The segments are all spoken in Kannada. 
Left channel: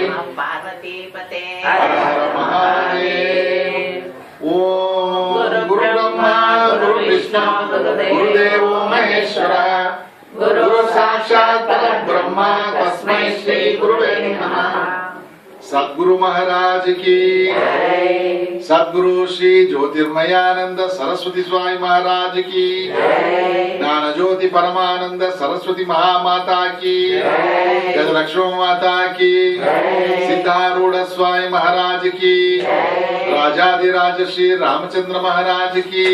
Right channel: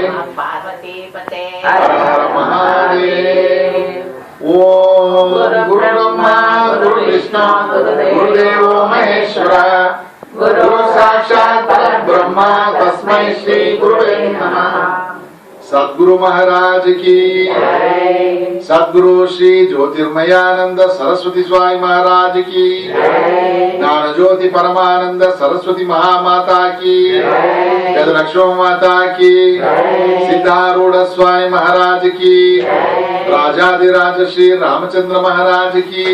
पार्वती पते हर हर महादेव। ओम गुरु ब्रह्मा गुरु विष्णु गुरुदेवो महेश्वर गुरु साक्षात् परब्रह्म तस्मै श्री गुरुवे नमः। सद्गुरु महाराज की सद्गुरु श्री ज्योतिर्मयानंद सरस्वती स्वामी महाराज की ज्ञान ज्योति परमानंद सरस्वती महामाता की गजलक्ष्मी माता की सिद्धारूढ़ स्वामी महाराज की राजाधिराज श्री रामचंद्र महाराज की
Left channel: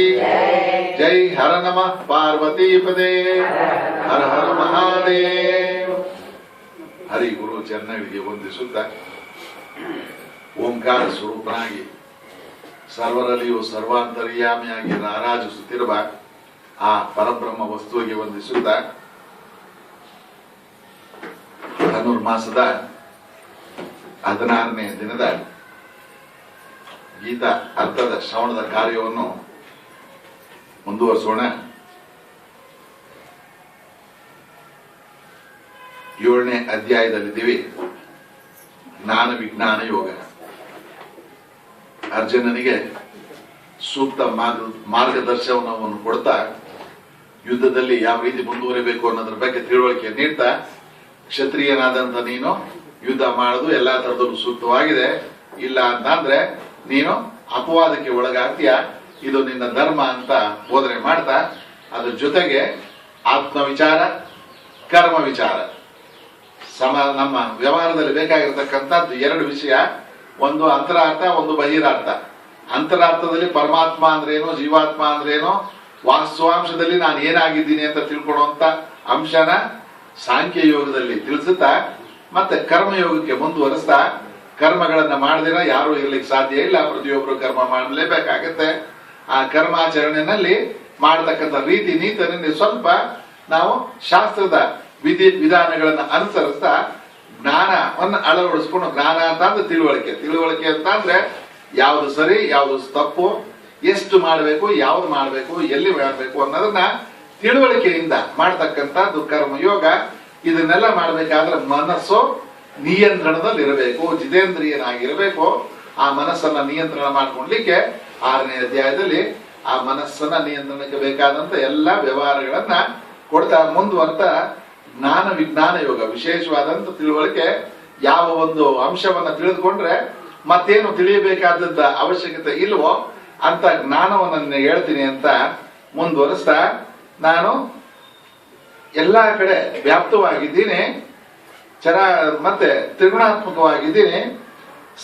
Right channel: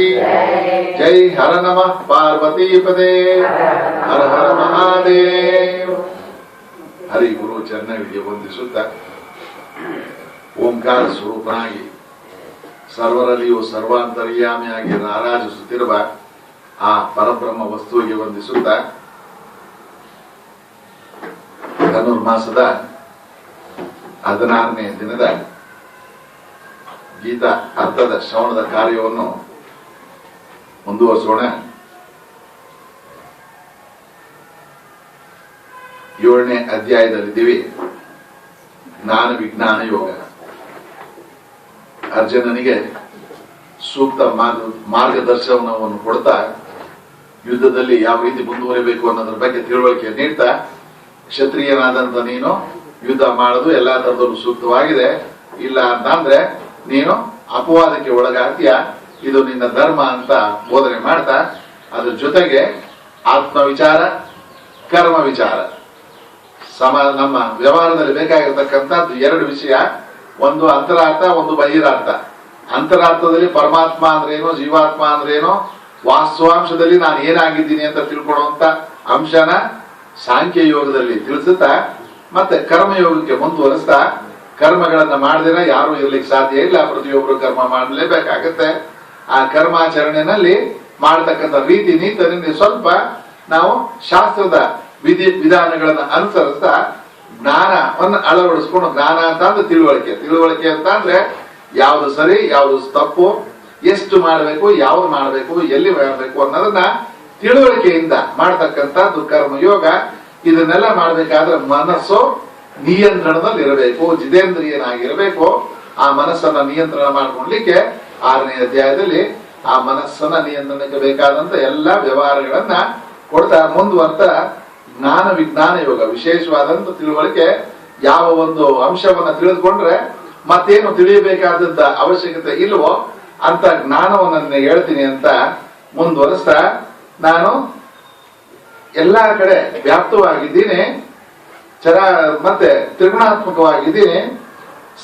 जय। हर नमः पार्वती पदे हर हर महादेव। हरि गुरु ಚರಣಗಳಿಗೆ ವಂದಿಸುತ್ತಾ ಓಂಕಾರ ಸ್ವರೂಪನಾಗಿ ಸರ್ವರಲ್ಲಿಯೂ ಸರ್ವಾಂತರ್ಯಾಮಿಯಾಗಿ ರಾರಾಜಿಸುತ್ತಿರುವ ಆ ಪರಬ್ರಹ್ಮ ವಸ್ತುವಿಗೆ ವಂದಿಸುತ್ತಾ ಧನುರ್ಮಾಸದ 16ನೇ ದಿನದ ಗೀತಾ ಅರ್ಥದ ಶ್ರವಣದ ಕಾರ್ಯವನ್ನು ಮುಂದುವರಿಸೋಣ. 7ನೇ ಅಧ್ಯಾಯದಲ್ಲಿದ್ದೀವಿ. ಜ್ಞಾನ ವಿಜ್ಞಾನ ಯೋಗ. ಅರ್ಜುನನಿಗೆ ಸೂಕ್ತ ಮಾರ್ಗದರ್ಶನವನ್ನು ಕೊಡ್ತಾ ಯುದ್ಧದಲ್ಲಿ ಯಾವ ರೀತಿ ಮುಂದುವರಿಬೇಕು ಅನ್ನೋದ್ರ ಬಗ್ಗೆ ತಿಳುವಳಿಕೆ ನೀಡ್ತಾ, ಕ್ಷತ್ರಿಯನಾದಂತ ನೀನು ಯುದ್ಧ ಮಾಡೋದು ಎಲ್ಲಾ ತರದಲ್ಲೂ ಸೂಕ್ತವಾಗಿದೆ, ಇಲ್ಲ ಅಂತಂದ್ರೆ ನೀನು ಅಪವಾದಕ್ಕೆ ಒಳಗಾಗ್ತೀಯ, ಇದು ನಿನ್ನ ಧರ್ಮ ಅಂತ ಬೋಧನೆ ಮಾಡ್ತಾ, ಅದ್ರ ಜೊತೆಗೆ ಆತ್ಮ ವಿಚಾರ ಕರ್ಮ ವಿಚಾರ ನಮ್ಮ ವ್ಯವಹಾರದಲ್ಲಿ ಬೇಕಾಗಿರ್ತಕ್ಕಂಥದ್ದು 2 ವಿಷಯ. ಒಂದು ಅಂತರಾರ್ಥ, ಒಂದು ಬಹಿರಾರ್ಥ. ಅಂತರಾರ್ಥದಲ್ಲಿ ಪರಮಾತ್ಮ ಅಂದ್ರೇನು, ಜೀವಾತ್ಮ ಅಂದ್ರೇನು, ವಾಸ್ತವಾಂಶದಲ್ಲಿ ನಾನು ಏನಾಗಿದ್ದೀನಿ ಅಂತ ತಿಳ್ಕೊಳ್ಳುವಂತ ಅಂಶನ ಸಾಂಖ್ಯ ಯೋಗದಲ್ಲಿ ತಿಳಿಸುತ್ತಾ, ಮತ್ತೆ ಕರ್ಮಯೋಗಕ್ಕೆ ಮುಂದುವರಿಸ್ತಾ, ಕರ್ಮಗಳನ್ನ ಮಾಡದಿರ ಯಾರು ಇರ್ಲಿಕ್ಕೆ ಸಾಧ್ಯ ಇಲ್ಲ, ಪ್ರತಿಯೊಬ್ಬರು ಕರ್ಮ ಮಾಡಲೇಬೇಕಾಗತ್ತೆ. ಆ ಕರ್ಮಾಚರಣೆಯಲ್ಲಿ ಮಾಡತಕ್ಕಂಥ ರೀತಿ ನೀತಿನಲ್ಲಿ ಸ್ವಲ್ಪ ನಾವು ಶಾಸ್ತ್ರದ ವಿಧಿ ವಿಧಾನಗಳನ್ನ ಅನುಸರಿಸ್ತಾ ಜ್ಞಾನವನ್ನು ಅಳವಡಿಸ್ಕೊಂಡು, ಜ್ಞಾನ ಅಂತ ಅಂದ್ರೆ ತಿಳುವಳಿಕೆ ಅಂತ ಅಂದ್ರೆ ಯಾವ್ದು ಸರಿ ಯಾವ್ದು ತಪ್ಪು, ಎಷ್ಟು ಮಾಡಬೇಕು, ಯಾವ್ದು ಮಾಡಬೇಕು, ಎಲ್ಲಿ ಮಾಡಬೇಕು ಅನ್ನೋದನ್ನ ತಿಳುವಳಿಕೆಯಿಂದ ಮಾಡತಕ್ಕಂಥದ್ದು ಕರ್ಮಯೋಗ. ಇದನ್ನೆಲ್ಲ ಮಾಡ್ಬೇಕಾದ್ರೆ ಮನಸ್ಸು ನಿಯಂತ್ರಣದಲ್ಲಿ ಇರಬೇಕು, ಜಿತೇಂದ್ರಿಯನಾಗಿರಬೇಕು. ಆ ಮನಸ್ಸನ್ನ ನಿಯಂತ್ರಣ ಮಾಡ್ಕೊಳ್ಲಿಕ್ಕೆ 6ನೇ ಅಧ್ಯಾಯದಲ್ಲಿ ಆ ಮನಸ್ಸನ್ನ ನಿಯಂತ್ರಣಕ್ಕೆ ಬೇಕಾದಂತ ಎಲ್ಲ ವ್ಯವಹಾರಗಳನ್ನ ಕೊಡ್ತಾ ಮುಂದುವರ್ತಾ ಜ್ಞಾನ ವಿಜ್ಞಾನ ಯೋಗ, ವಿಶೇಷವಾದಂತ ತಿಳುವಳಿಕೆ. ಯಾವ ಒಂದು ಅಂಶವನ್ನ ತಿಳಿದುಕೊಂಡ್ರೆ ಮತ್ತೇನು ತಿಳಿಯಬೇಕಾದದ್ದ ಅವಶ್ಯಕತೆ ಇಲ್ವೋ ಅಂತ ಜ್ಞಾನವನ್ನ ಹೇಳ್ತೀನಿ ಅಂತ ಮುಂದುವರಿಸ್ತಾ, ನಾನು ಎಲ್ಲಾ ಕಡೆ ವ್ಯಾಪ್ತವಾಗಿದ್ದೀನಿ, ಮತ್ತೆ ತ್ರಿಗುಣಾತ್ಮಕವಾಗಿದ್ದೀನಿ.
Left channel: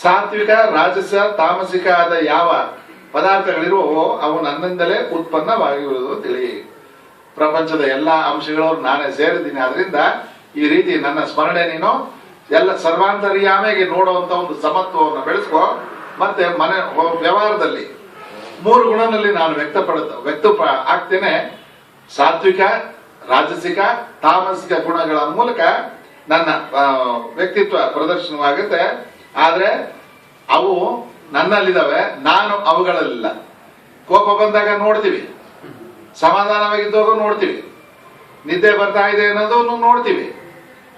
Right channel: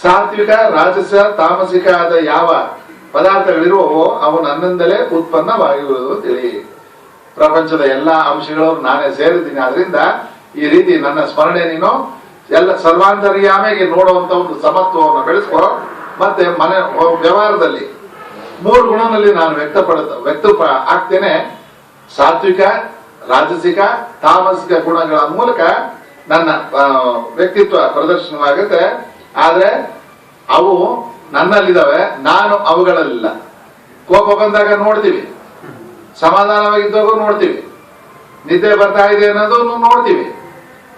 ಸಾತ್ವಿಕ ರಾಜಸ ತಾಮಸಿಕ ಆದ ಯಾವ ಪದಾರ್ಥಗಳಿರುವವೋ ಅವು ನನ್ನಿಂದಲೇ ಉತ್ಪನ್ನವಾಗಿರುವುದು ತಿಳಿ. ಪ್ರಪಂಚದ ಎಲ್ಲಾ ಅಂಶಗಳು ನಾನೇ ಸೇರಿದ್ದೀನಿ. ಆದ್ರಿಂದ ಈ ರೀತಿ ನನ್ನ ಸ್ಮರಣೆ ನೀನು ಎಲ್ಲ ಸರ್ವಾಂತರ್ಯಾಮಿಗೆ ನೋಡುವಂತ ಒಂದು ಸಮತ್ವವನ್ನು ಬೆಳೆಸ್ಕೊ. ಮತ್ತೆ ವ್ಯವಹಾರದಲ್ಲಿ 3 ಗುಣದಲ್ಲಿ ನಾನು ವ್ಯಕ್ತ ಆಗ್ತೇನೆ. ಸಾತ್ವಿಕ, ರಾಜಸಿಕ, ತಾಮಸಿಕ ಗುಣಗಳ ಮೂಲಕ ನನ್ನ ವ್ಯಕ್ತಿತ್ವ ಪ್ರದರ್ಶನವಾಗುತ್ತೆ. ಆದ್ರೆ ಅವು ನನ್ನಲ್ಲಿದ್ದಾವೆ, ನಾನು ಅವುಗಳಲ್ಲಿಲ್ಲ. ಕೋಪ ಬಂದಾಗ ನೋಡ್ತೀವಿ, ಸಮಾಧಾನವಾಗಿದ್ದಾಗ ನೋಡ್ತೀವಿ, ನಿದ್ದೆ ಬರ್ತಾ ಇದೆ ಅನ್ನೋದನ್ನು ನೋಡ್ತೀವಿ.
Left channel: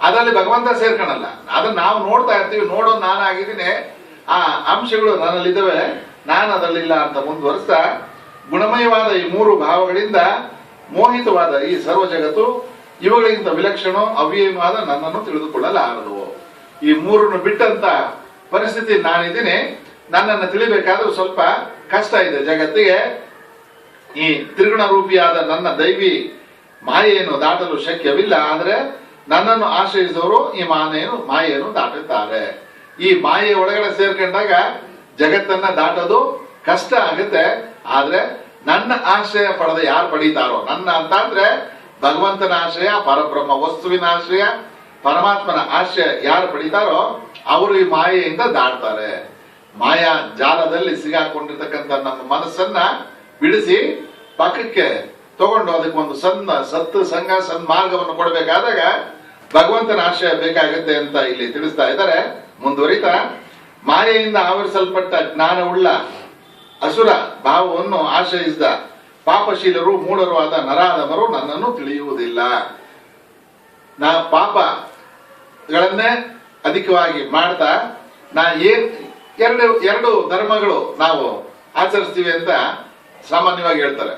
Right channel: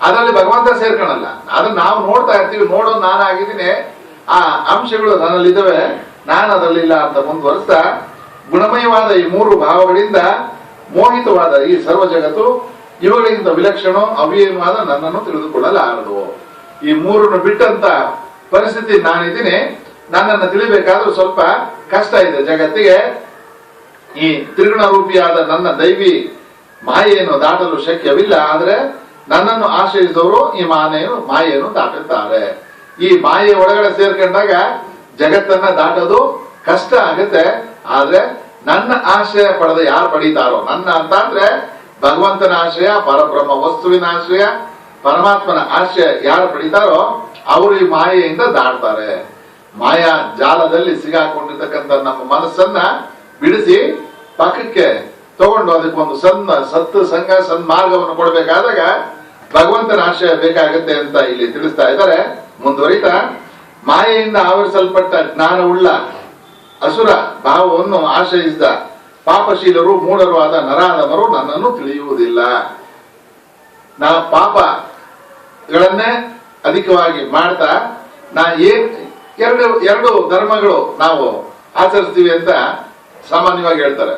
ಅದರಲ್ಲಿ ಭಗವಂತ ಸೇರ್ಕೊಳಲ್ಲ, ಅದನ್ನ ನಾವು ನೋಡ್ತಾ ಇರ್ತೀವಿ. ನೋಡೋದು ನಾನಾಗಿದ್ದೀನಿ, ಆ ಅಂಶಗಳು ನನ್ನಲ್ಲಿದ್ದಾವೆ, ನಾನು ಅದರಲ್ಲಿಲ್ಲ ಅಂತ ಮುಂದುವರಿಸ್ತಾ, ಗುಣಮಯವಾದ ಈ 3 ಭಾವಗಳಿಂದ ಮೋಹಿತವಾದ ಈ ಸರ್ವ ಜಗತ್ತು ಇವುಗಳಿಂದ ವಿಲಕ್ಷಣ ಅವ್ಯಯವಾದ ನನ್ನನ್ನು ತಿಳಿದುಕೊಳ್ಳಲಾರದು. ಈ 3 ಬಿಟ್ಟಂತ ಪರಿಸ್ಥಿತಿ ನಾನಿದ್ದೀನಿ. ನನ್ನನ್ನು ತಿಳಿಬೇಕಾದ್ರೂ ಸ್ವಲ್ಪ ಕಷ್ಟ ಇದೆ ಜಗತ್ತಿಗೆ. ಈ ತ್ರಿಗುಣ ರೂಪಿಯಾದ ನನ್ನ ದೈವಿ ಮಾಯೆಯನ್ನು ದಾಟಲು ಶಕ್ಯವಿಲ್ಲ. ಆದ್ರೆ ನನ್ನನ್ನು ಆಶ್ರಯಿಸಿದವರು ಈ ಮಾಯೆಯನ್ನು ದಾಟುತ್ತಾರೆ. ಈ ಮಾಯೆ ಒಳಗಡೆ ಸೇರ್ಕೊಂಡಾಗ ಜಗತ್ತನ್ನ ದಾಟೋದು ಕಷ್ಟ ಆಗುತ್ತೆ. ಆದ್ರೆ ನನ್ನ ಆಶ್ರಯ ಪಡೆದ ಯಾರು ಪಡೀತಾರೋ, ನನ್ನ ಅಂತ ಅಂದ್ರೆ ಭಗವಂತನ ಆಶ್ರಯ, ಪರಬ್ರಹ್ಮ ವಸ್ತುವಿನ ಆಶ್ರಯ, ಪರಮಾತ್ಮನ ಆಶ್ರಯ ಯಾರು ಪಡೀತಾರೋ ಅವರು ಈ ಮಾಯೆಯಿಂದ ದಾಟ್ತಾರೆ. ಮಾಯಾ ಜಾಲದಲ್ಲಿ ಸಿಗಾಕೊಂಡಿರ್ತಕ್ಕಂಥ ನಮ್ಮ ಮನಸ್ಸನ್ನ ಬಿಡಿಸಿ ಪಕ್ಕಕ್ಕೆ ತಗೊಂಡು ಅದಕ್ಕೆ ಒಂದು ಸಂಘ ಸನ್ಮಾರ್ಗವನ್ನು ಕೊಡಬೇಕಾದಾಗ ಭಗವಂತನ ಆಶ್ರಯ ಬೇಕಾಗುತ್ತೆ ಅಂತ ಇಲ್ಲಿ ತಿಳಿಸ್ತಾ ಇದ್ದಾರೆ. ಮುಂದುವರಿತಾ, ಮಾಯೆಯಿಂದ ಆವರಿಸಲ್ಪಟ್ಟ ಜ್ಞಾನವುಳ್ಳ ಅಸುರ ಭಾವವನ್ನು ಆಶ್ರಯಿಸಿದ ಪಾಪಶೀಲರು ಮೂಢರು ಆದ ನರಾಧಮರು ನನ್ನನ್ನು ತಿಳಿಯುವುದಿಲ್ಲ. ಪಾಪಗಳನ್ನೇ ಅಧಿಕವಾಗಿ ಮಾಡ್ತಾ ಎರಡು ಧರ್ಮಗಳು ನಾವು ಆಚರಿಸ್ತೀವಿ ಅಂತ ಸಾಮಾನ್ಯವಾಗಿ ಹೇಳ್ತಾರೆ.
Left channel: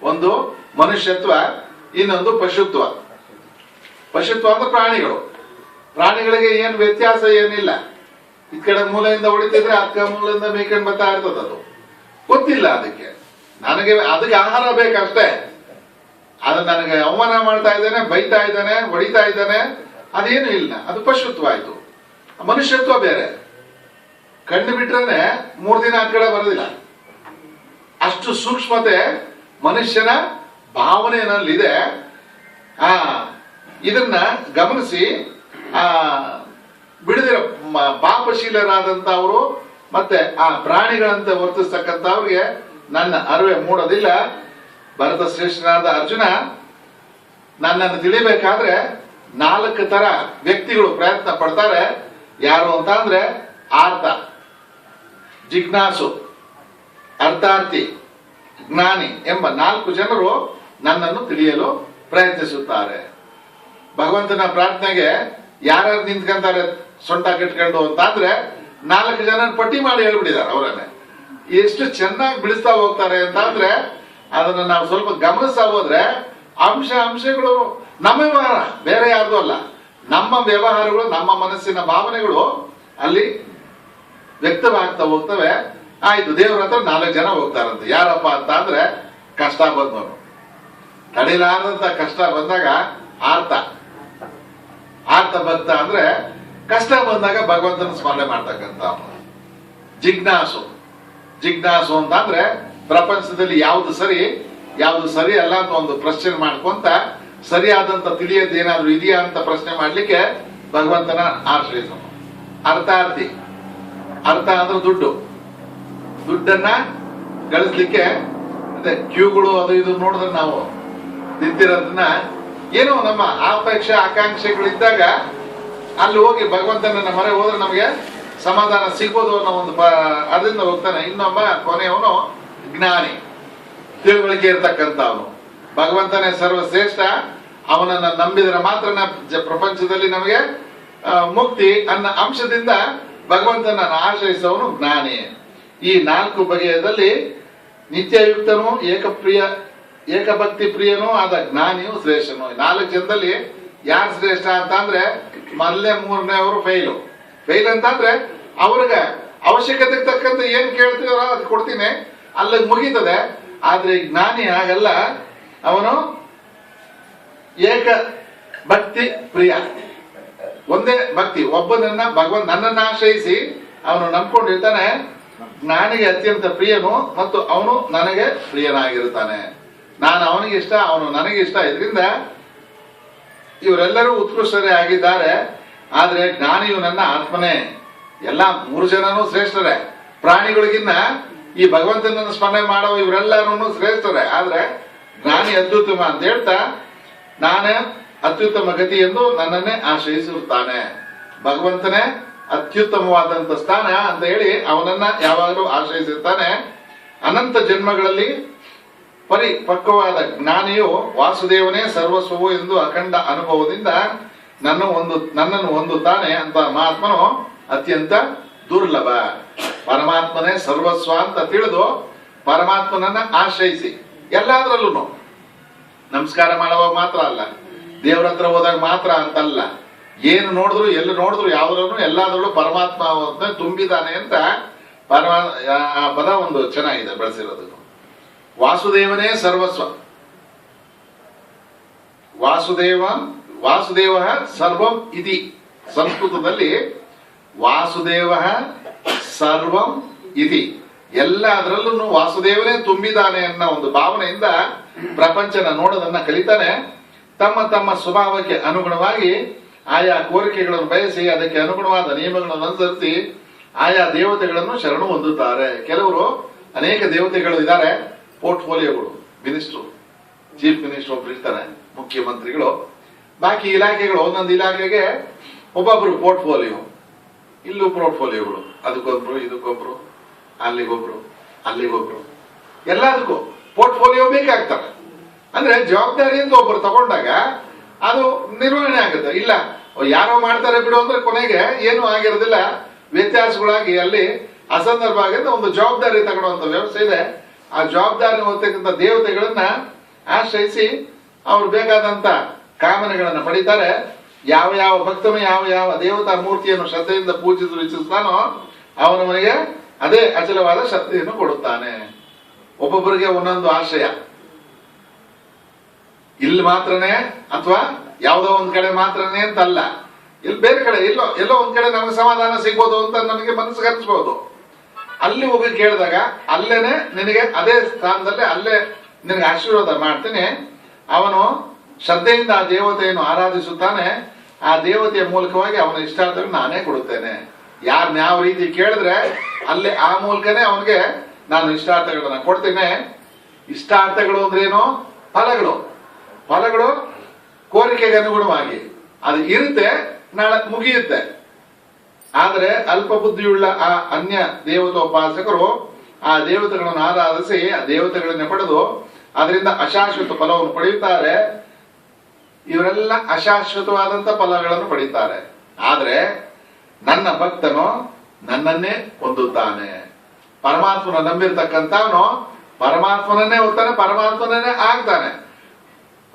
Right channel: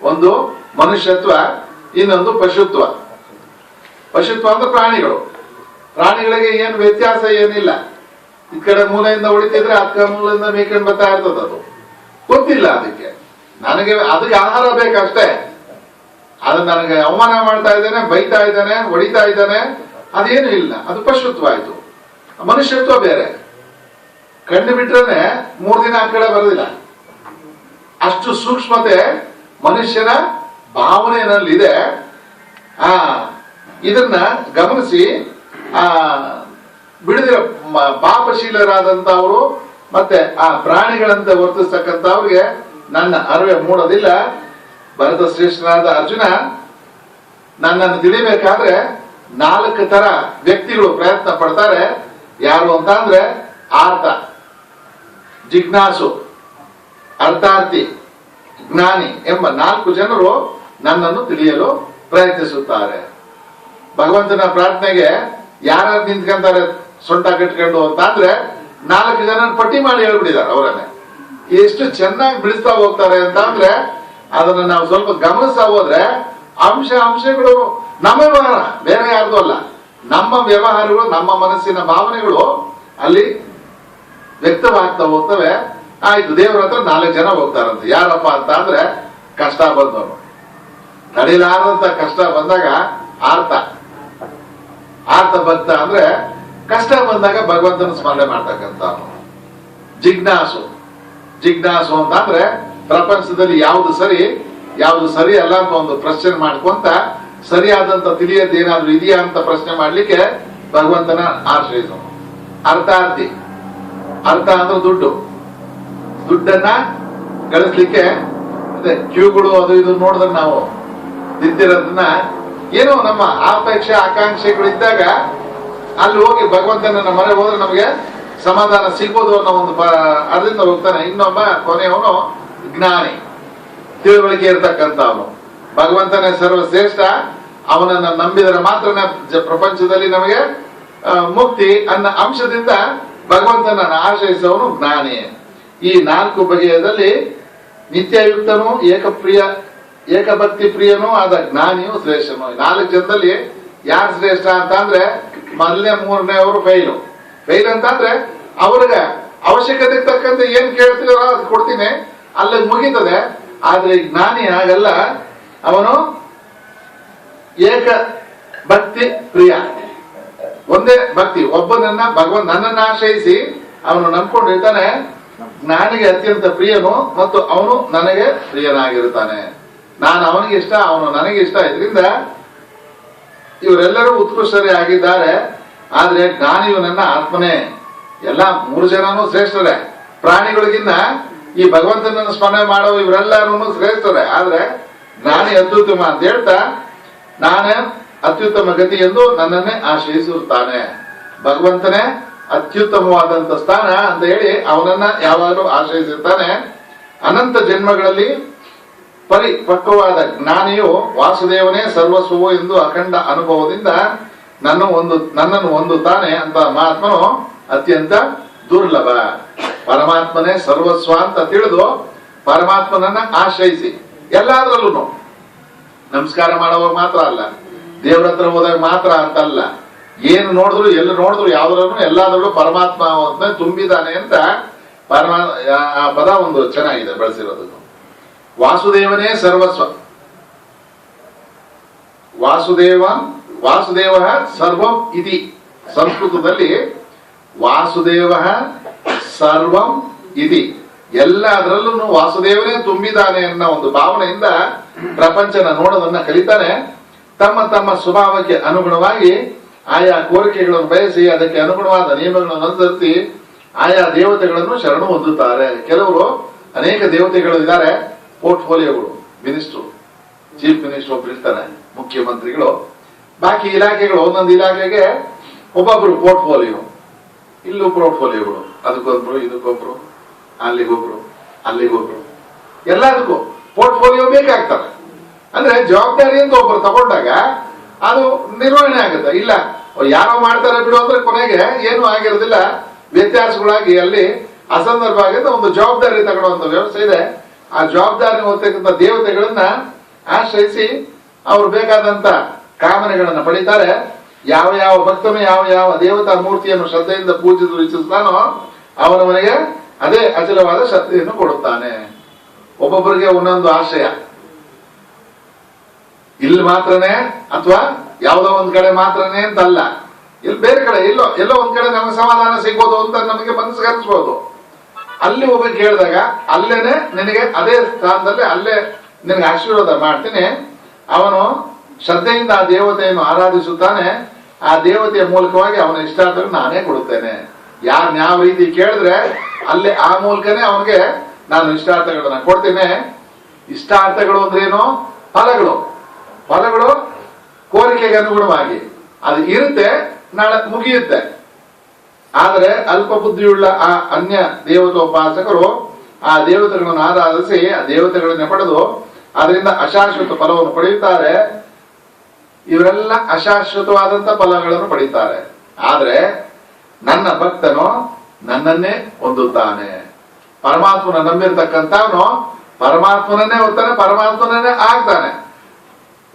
ಒಂದು ಮನುಷ್ಯತ್ವ, ಇನ್ನೊಂದು ಪಶುತ್ವ. ಪಶುತ್ವ ಅಂದ್ರೆ ಪ್ರಾಣಿಗಳಿಗೆ ಏನು ವ್ಯತ್ಯಾಸ ಏನಿಲ್ಲ. ಈ ಕಡೆ ಮೂಲೆಯಿಂದ ಹೊಡಿತಿದ್ರೆ ಅಕ್ಕ ಮೂಲೆಯಿಂದ ಮೇಕೊಂಡು ಬರ್ತಾ ಇರ್ತದ, ಅದು ಗೊತ್ತಿಲ್ಲ ಅದಕ್ಕೆ. ಅದಕ್ಕೆ ಆಹಾರ ಬೇಕಷ್ಟೇ. ಅದು ನನಗೆ ಅವಮಾನ ಮಾಡ್ತಾ ಇದ್ದಾನೆ, ಬೈತಾ ಇದ್ದಾನೆ, ಹೊಡಿತಾ ಇದ್ದಾನೆ, ಅದೇನು ಇಲ್ಲ. ಅದು ಪಶುತ್ವ ಆಯ್ತು. ಮನುಷ್ಯತ್ವ ಬೇರೆ. ಕಂಡು ಬಿಟ್ರೆ 3 ದಿನ ಆ ಕಡೆ ಬರೋದಿಲ್ಲ. ಅಷ್ಟು ಸೂಕ್ಷ್ಮತೆ ಮನುಷ್ಯನ ಭಾವನೆಯಲ್ಲಿದೆ. ಇದನ್ನ ಗಮನಿಸಿ ಬಿಡದಿರೋ ಪಾಪಶೀಲರಾದಂತವ್ರು ಮತ್ತೆ ಆ ಪ್ರಾಣಿಗಳಂತೆ ವರ್ತಿಸ್ತಕ್ಕಂಥವ್ರಿಗೆ ನನ್ನ ಅರಿವೆ ಮೂಡೋದಿಲ್ಲ. ಭರತ ಶ್ರೇಷ್ಠನಾದ ಅರ್ಜುನ ನನ್ನನ್ನು ತಿಳಿಬೇಕಾದ್ರೆ 4 ತರ ವ್ಯಕ್ತಿಗಳು ಪ್ರಯತ್ನ ಪಡ್ತಾರೆ. ಯಾರು ಅಂತ ಅಂದ್ರೆ ಆರ್ತ, ಜಿಜ್ಞಾಸು, ಅರ್ಥಾರ್ಥಿ, ಜ್ಞಾನಿ ಎಂಬ 4 ಜನರು ನನ್ನನ್ನು ತಿಳಿಯಲು ಪ್ರಯತ್ನಿಸುತ್ತಾರೆ. ಭಗವಂತನ ಪ್ರಾರ್ಥನೆಗೆ ಯಾರು ನಿಂತ್ಕೊಂತಾರೆ ಸೊಂಟ ಕಟ್ಕೊಂಡು ಅಂತ ಅಂದ್ರೆ 4 ಜನ ಪಟ್ಟಿ ಮಾಡಿ ಹೇಳ್ಬಿಟ್ಟಿದ್ದಾರೆ. ಅವರನ್ನೇ ಎಷ್ಟು ಚೆನ್ನಾಗಿ ಬಿಡಿಸ್ತಾ ಹೋಗ್ತಾರೆ ಅಂತ ಅಂದ್ರೆ ಅದನ್ನ ನಾವು ಸ್ವಲ್ಪ ಗಮನಿಸ್ತಾ ಹೋದ್ರೆ ಅಂಶಗಳು ನಮ್ಮ ವ್ಯವಹಾರ, ಬೇರೆ ಯಾರ್ದು ಅಲ್ಲ, ನಮ್ಮ ವ್ಯವಹಾರಗಳು, ನಮ್ಮ ಮನಸ್ಸಿನ ಭಾವನೆಗಳು ಅಲ್ಲಿ ವ್ಯಕ್ತವಾಗ್ತಾ ಹೋಗ್ತವೆ. ಆಯ್ತು, ದೇವರ ಹತ್ರ 4 ಜನ ಹೋಗ್ತಾರಂತೆ. ಯಾರಪ್ಪ ಅಂತ ಅಂದ್ರೆ ಕಷ್ಟ ಬಂದವರು, ತಡಿಲಾರದಂತ ಕಷ್ಟ ಬಂದಾಗ ಆರ್ತ ಭಕ್ತ ಅಂದ್ರೆ ಕಷ್ಟ ಬಂದಾಗ ಭಗವಂತನ ಸ್ಮರಣೆ ಮಾಡ್ತಕ್ಕಂಥ. ಜಿಜ್ಞಾಸು ಅಂತ ಅಂದ್ರೆ ಪ್ರಪಂಚದಲ್ಲಿ ಯಾವ್ದು ಸರಿ ಅಲ್ಲ ಅಂತ ಒಂದು ಪ್ರಶ್ನೆ ಮಾಡ್ಕೊಂತ ಸರಿಯಾದಂತ ತಿಳಿಯದ ಏನಾದ್ರು ಇದೆಯಾ ಅಂತ ಪ್ರಶ್ನೆ ಮಾಡ್ಲಿಕ್ಕೆ ಭಗವಂತನ ಆಶ್ರಯಿಸೋನು. ಅರ್ಥಾರ್ಥಿ ಅಂದ್ರೆ ದುಡ್ಡನ್ನ ಗಳಿಸ್ಲಿಕ್ಕೆ ಕ್ಯೂಗಳು ಅದು ಇದು ನೋಡಿದ್ರೆ ನಾವು ನಿಂತಿರೋದನ್ನ ಏನೋ ನಮ್ಮ ಅಪೇಕ್ಷೆ ಆಕಾಂಕ್ಷೆಗಳು ಇದ್ದಾಗ ಅಲ್ಲಿ ಹೋಗಿ ಭಗವಂತನ ಮೊರೆ ಹೋದ್ರೆ ನಮಗೆ ಸಮಾಧಾನ ಸಿಗ್ಬೋದು ಅನ್ನೋ ಒಂದು ಅದರಿಂದ ಹೋಗ್ತಾನೆ. ಇನ್ನೊಬ್ಬ ಕೊನೆಯವನು ಜ್ಞಾನಿ, ತಿಳುವಳಿಕೆ ಇರ್ತಕ್ಕಂಥವನು. ಭಗವಂತನೇ ಸರ್ವಶ್ರೇಷ್ಠ, ಅವನನ್ನ ನಂಬಿದರೆ ಮಾತ್ರ ಪ್ರಪಂಚದಲ್ಲಿ ನಮಗೆ ಮುಕ್ತಿ ಅನ್ನೋ ಅಂಶದಿಂದ ಭಗವಂತನ ಆಶ್ರಯಿಸುವವನು ಜ್ಞಾನಿ. ಈ 4 ಬಗೆಯದಲ್ಲಿ ನಿತ್ಯಯುಕ್ತನು, ಏಕಭಕ್ತಿ ಪ್ರಿಯನೂ ಆದ ಜ್ಞಾನಿಯು ಶ್ರೇಷ್ಠನು. 4 ಜನದಲ್ಲಿ ಯಾರು ಶ್ರೇಷ್ಠ ಅಂತ ಅಂದ್ರೆ ಮೊದಲನೇ 3ನೇವರು ಫೈಲ್ ಅಂತ ಅಂದ್ರೆ ಅವ್ರಿಗೆ ಅವಶ್ಯಕತೆಗೆ ತಕ್ಕಂತೆ ಏನ್ ಕೇಳ್ತೀವೋ ಅದು ಕೊಡ್ತೀನಿ, ಅಲ್ಲಿಗೆ ಮುಗೀತದೆ. ಆದ್ರೆ ಜ್ಞಾನಿ ಹಾಗಲ್ಲ, ಅವನು ಏಕ ಭಕ್ತಿ ಪ್ರಿಯ, ಒಂದೇ ಭಕ್ತಿ, ಒಬ್ಬನನ್ನ ನನ್ನನ್ನು ಆಶ್ರಯಿಸಿ ಅವನು ನಂಬ್ಕೊಂಡಿರ್ತಾನೆ. ಜ್ಞಾನಿಗೆ ಅತ್ಯಂತ ಪ್ರಿಯನು ಮತ್ತು ಅವನು ನನಗೆ ಪ್ರಿಯನಾಗಿರ್ತಾನೆ. ನಾನು ಅವನಿಗೆ ಇಷ್ಟ, ಅವನು ನನಗೆ ಇಷ್ಟ. ಇದರಿಂದ ಇವರೆಲ್ಲರೂ ಉತ್ಕೃಷ್ಟರೇ ಆಗಿದ್ದಾರೆ. ಆದ್ರೆ ಜ್ಞಾನಿಯು ನನ್ನ ಆತ್ಮನೇ. ಎಲ್ಲ 3 ಜನನೂ ಶ್ರೇಷ್ಠರೇ. ಪ್ರಾಣಿಗಳಿಗಿನ್ನ ಈ ಭಗವಂತನನ್ನು ಸ್ಮರಣೆ ಮಾಡೋ ಇವರೆಲ್ಲರೂ ಶ್ರೇಷ್ಠರೇ. ಆದ್ರೆ ಜ್ಞಾನಿ ಅತ್ಯುತ್ತಮ ಅಂತ ಹೇಳ್ತಾ ನಾನೇ ಅತ್ಯುತ್ತಮ ಗತಿ ಎಂದು ನನ್ನನ್ನೇ ಆಶ್ರಯಿಸಿರುತ್ತಾನೆ. ಭಗವಂತನೇ ಅತ್ಯುತ್ತಮವಾದಂತ ಸ್ಥಾನ ಅಂತ ಹೇಳಿ ಅವನನ್ನ ಯಾವಾಗಲೂ ಆಶ್ರಯಿಸಿರ್ತಾನೆ. ಅನಂತ ಜನ್ಮಗಳಲ್ಲಿ ಪರಿಪಕ್ವವಾದ ಜ್ಞಾನಿಯು ವಾಸುದೇವನೇ ಸರ್ವಸ್ವವು ಎಂದು ಅಖಂಡ ಅನುಭವದಿಂದ ನನ್ನನ್ನು ಹೊಂದುತ್ತಾನೆ ಅಂತ ಮಹಾತ್ಮನು ಅತ್ಯಂತ ದುರ್ಲಭ. ಪರಮಾತ್ಮನೇ ಸರ್ವಸ್ವ ಅಂತ ತಿಳಿದು ಪರಮಾತ್ಮನನ್ನ ಆಶ್ರಯಿಸಿ ಎಲ್ಲಾದ್ರಲ್ಲೂ ನಮಸ್ಕಾರ ಮಾಡುವಾಗ ಮಾತ್ರ ಅಲ್ಲ, ದೇವ್ರ ಹತ್ರ ಹೋದಾಗ ಮಾತ್ರ ಅಂತಲ್ಲ, ಏನು ನೋಡಿದ್ರು ಎಲ್ಲಿ ನೋಡಿದ್ರು ಯಾವ್ದ್ರೂ ಎಲ್ಲಾದ್ರಲ್ಲೂ ಪರಮಾತ್ಮ ತುಂಬಿದಾನೆ ಅಂತ ಆ ಪದ ಒಂದು ಚೆನ್ನಾಗಿದೆ ಬಳಸಿರೋದು. ವಾಸುದೇವನೇ ಸರ್ವಸ್ವ, ವಾಸುದೇವ ಸರ್ವಂ ಇತಿ. ಸಂಸ್ಕೃತದಲ್ಲಿ ವಾಸುದೇವ ಸರ್ವಂ ಇತಿ, ಎಲ್ಲದರಲ್ಲೂ ವಾಸುದೇವನೇ ತುಂಬಿದಾನೆ ಅನ್ನೋ ಒಂದು ಭಾವನೆಯಿಂದ ಪ್ರಪಂಚನ ನೋಡೋದನ್ನ ಕಲಿತಾನೆ. ತಮ್ಮ ಸ್ವಭಾವಕ್ಕೆ ಅನುಗುಣವಾಗಿ ಆಯಾ ಕೋರಿಕೆಗಳನ್ನು ಬಯಸಿ ಅದಕ್ಕೆ ಅನುಗುಣವಾದ ನಿಯಮಗಳನ್ನು ಅನುಸರಿಸಿ ಆಯಾ ದೇವತೆಗಳನ್ನು ಶರಣು ಹೊಂದುತ್ತಾರೆ. ಕೆಲವರು ಅನೇಕ ದೇವತೆಗಳು ಇದ್ದಾರೆ. ಪೋರ್ಟ್ಫೋಲಿಯೋಗಳು, ಮಿನಿಸ್ಟ್ರು, ಚೀಫ್ ಮಿನಿಸ್ಟರ್ ಒಬ್ರು ಇರ್ತಾರೆ, ಮುಖ್ಯಮಂತ್ರಿಗಳು, ಬಾಕಿ ಇಲಾಖೆಗಳು, ಒಂದೊಂದು ಇಲಾಖೆಗೆ ಒಬ್ಬೊಬ್ರು ಪೋರ್ಟ್ಫೋಲಿಯೋ. ಇಲ್ಲೂ ಪೋರ್ಟ್ಫೋಲಿಯೋಗಳು, ಅದಕ್ಕೊಬ್ರು, ಇದಕ್ಕೊಬ್ರು, ಅಲ್ಲಿಗೊಬ್ರು, ಎಲ್ಲದಕ್ಕೂ ಪೋರ್ಟ್ಫೋಲಿಯೋ ಬೇಕಾಗ್ತವೆ. ಅಂದ್ರೆ ಜವಾಬ್ದಾರಿ ಅಂತ ಒಬ್ಬರು ತಗೊಂಡಾಗ ಅದು ನಿರ್ವಹಣೆ ಆಗುತ್ತೆ. ಇಲ್ಲ ಯಾರೋ ಮಾಡ್ತಾರೆ ಬಿಡು ಅಂದ್ರೆ ಕೊನೆಗೆ ಏನು ಆಗಿರೋದಿಲ್ಲ, ವ್ಯತ್ಯಾಸಗಳಾಗಿ ಅಲ್ಲಿ ಅಸಂದರ್ಭವಾಗಿ ಒಂದು ಜವಾಬ್ದಾರಿ ತಗೊಳ್ಳುವಂತ ವ್ಯವಸ್ಥೆ ಇದೆ. ಆ ಜವಾಬ್ದಾರಿ ಹೊತ್ತಕ್ಕಂಥ ದೇವತೆಗಳನ್ನ ಆಶ್ರಯಿಸಿ ಅವ್ರು ಬೇಕಾದಂತ ಕಾಮನೆಗಳನ್ನ ಪಡೀತಾರೆ. ಯಾವ ಯಾವ ಭಕ್ತನು ಯಾವ ಯಾವ ದೇವತಾ ಮೂರ್ತಿಯನ್ನು ಶ್ರದ್ಧೆಯಿಂದ ಪೂಜಿಸಲು ಇಚ್ಛಿಸ್ತಾನೋ ಅವನವನಿಗೆ ಅದೇ ಅಚಲವಾದ ಶಕ್ತಿಯನ್ನು ಕೊಡುತ್ತಾನೆ. ಒಬ್ಬೊಬ್ಬರಿಗೆ ಒಂದೊಂದು ಆಶಯ, ಇಲ್ಲಿ ಮಾತ್ರನೇ ಅಥವಾ ಯಾವುದೋ ಒಂದ್ ಕಡೆ ಮಾತ್ರನೇ ಅಂತ ಅಲ್ಲ, ಇಲ್ಲಿ ಬೇರೆ ಕಡೆ ಎಲ್ಲೋ ಒಂದ್ ಕಡೆ ನಮಗೆ ಸಮಾಧಾನ ಸಿಗ್ಬೋದು ಅಂತ ನಮಗೆ ಮನಸ್ಸಿಗೆ ಅನ್ಸ್ಬೋದು. ಅಲ್ಲಿ ಹೋಗಿ ಕೇಳಿದಾಗ ಅಲ್ಲೇನೆ ನಿನಗೆ ಅದೇ ಸ್ಥಾನದಲ್ಲಿ ಅಲ್ಲೇ ನಿನಗೆ ಆಶೀರ್ವಾದ ಮಾಡ್ತೀನಿ. ಅವನು ಶ್ರದ್ಧೆಯಿಂದ ಆ ದೇವತೆಯನ್ನು ಆರಾಧಿಸುತ್ತಾನೆ. ಆ ದೇವತೆಯ ಮೂಲಕವಾಗಿ ಅವನ ಇಷ್ಟಾರ್ಥಗಳು ನಾನೇ ಕೊಡುತ್ತೇನೆ. ಯಾರನ್ನ ಯಾವ ರೀತಿ ಕೇಳಿದ್ರೆ ಅಲ್ಲೇ ಆ ಮೂಲಕನೇ ಅವನಿಗೆ ನಾನು ಇಷ್ಟಾರ್ಥಗಳನ್ನ ಕೊಡ್ತೇನೆ. ಇಷ್ಟಾರ್ಥಗಳು ಅಂದ್ರೇನು? ಫಲಗಳು ಕೋರಿಕೆಗೆ ಅನುಗುಣವಾಗಿ ಅದು ಇರುತ್ತೆ, ನಾಳೆ ಮುಗಿಯುತ್ತೆ. ಆದರೆ ಅಲ್ಪ ಬುದ್ಧಿಯುಳ್ಳ ಆ ಅನ್ಯ ದೇವತೋಪಾಸಕರು ಆ ದೇವತೆಗಳನ್ನು ಆರಾಧಿಸಿ ಆ ದೇವತೆಗಳನ್ನ ಪಡೆದು ಅದರಿಂದ ಅಶಾಶ್ವತ ಫಲವನ್ನು ಪಡೆಯುತ್ತಾರೆ. ಇವರೆಲ್ಲ ಅಶಾಶ್ವತವಾದಂತ ಫಲಗಳನ್ನು ಪಡೆಯುತ್ತಾರೆ. ಆದ್ರೆ ನನ್ನ ಭಕ್ತನು ನನ್ನನ್ನೇ ಹೊಂದುತ್ತಾನೆ. ಪರಮಾತ್ಮನ ನಂಬಿರ್ತಕ್ಕಂಥವನು ಪರಮಾತ್ಮನನ್ನೇ ಹೊತ್ತಾನೆ, ಪರಮಾತ್ಮನನ್ನೇ ಆಗ್ತಾನೆ.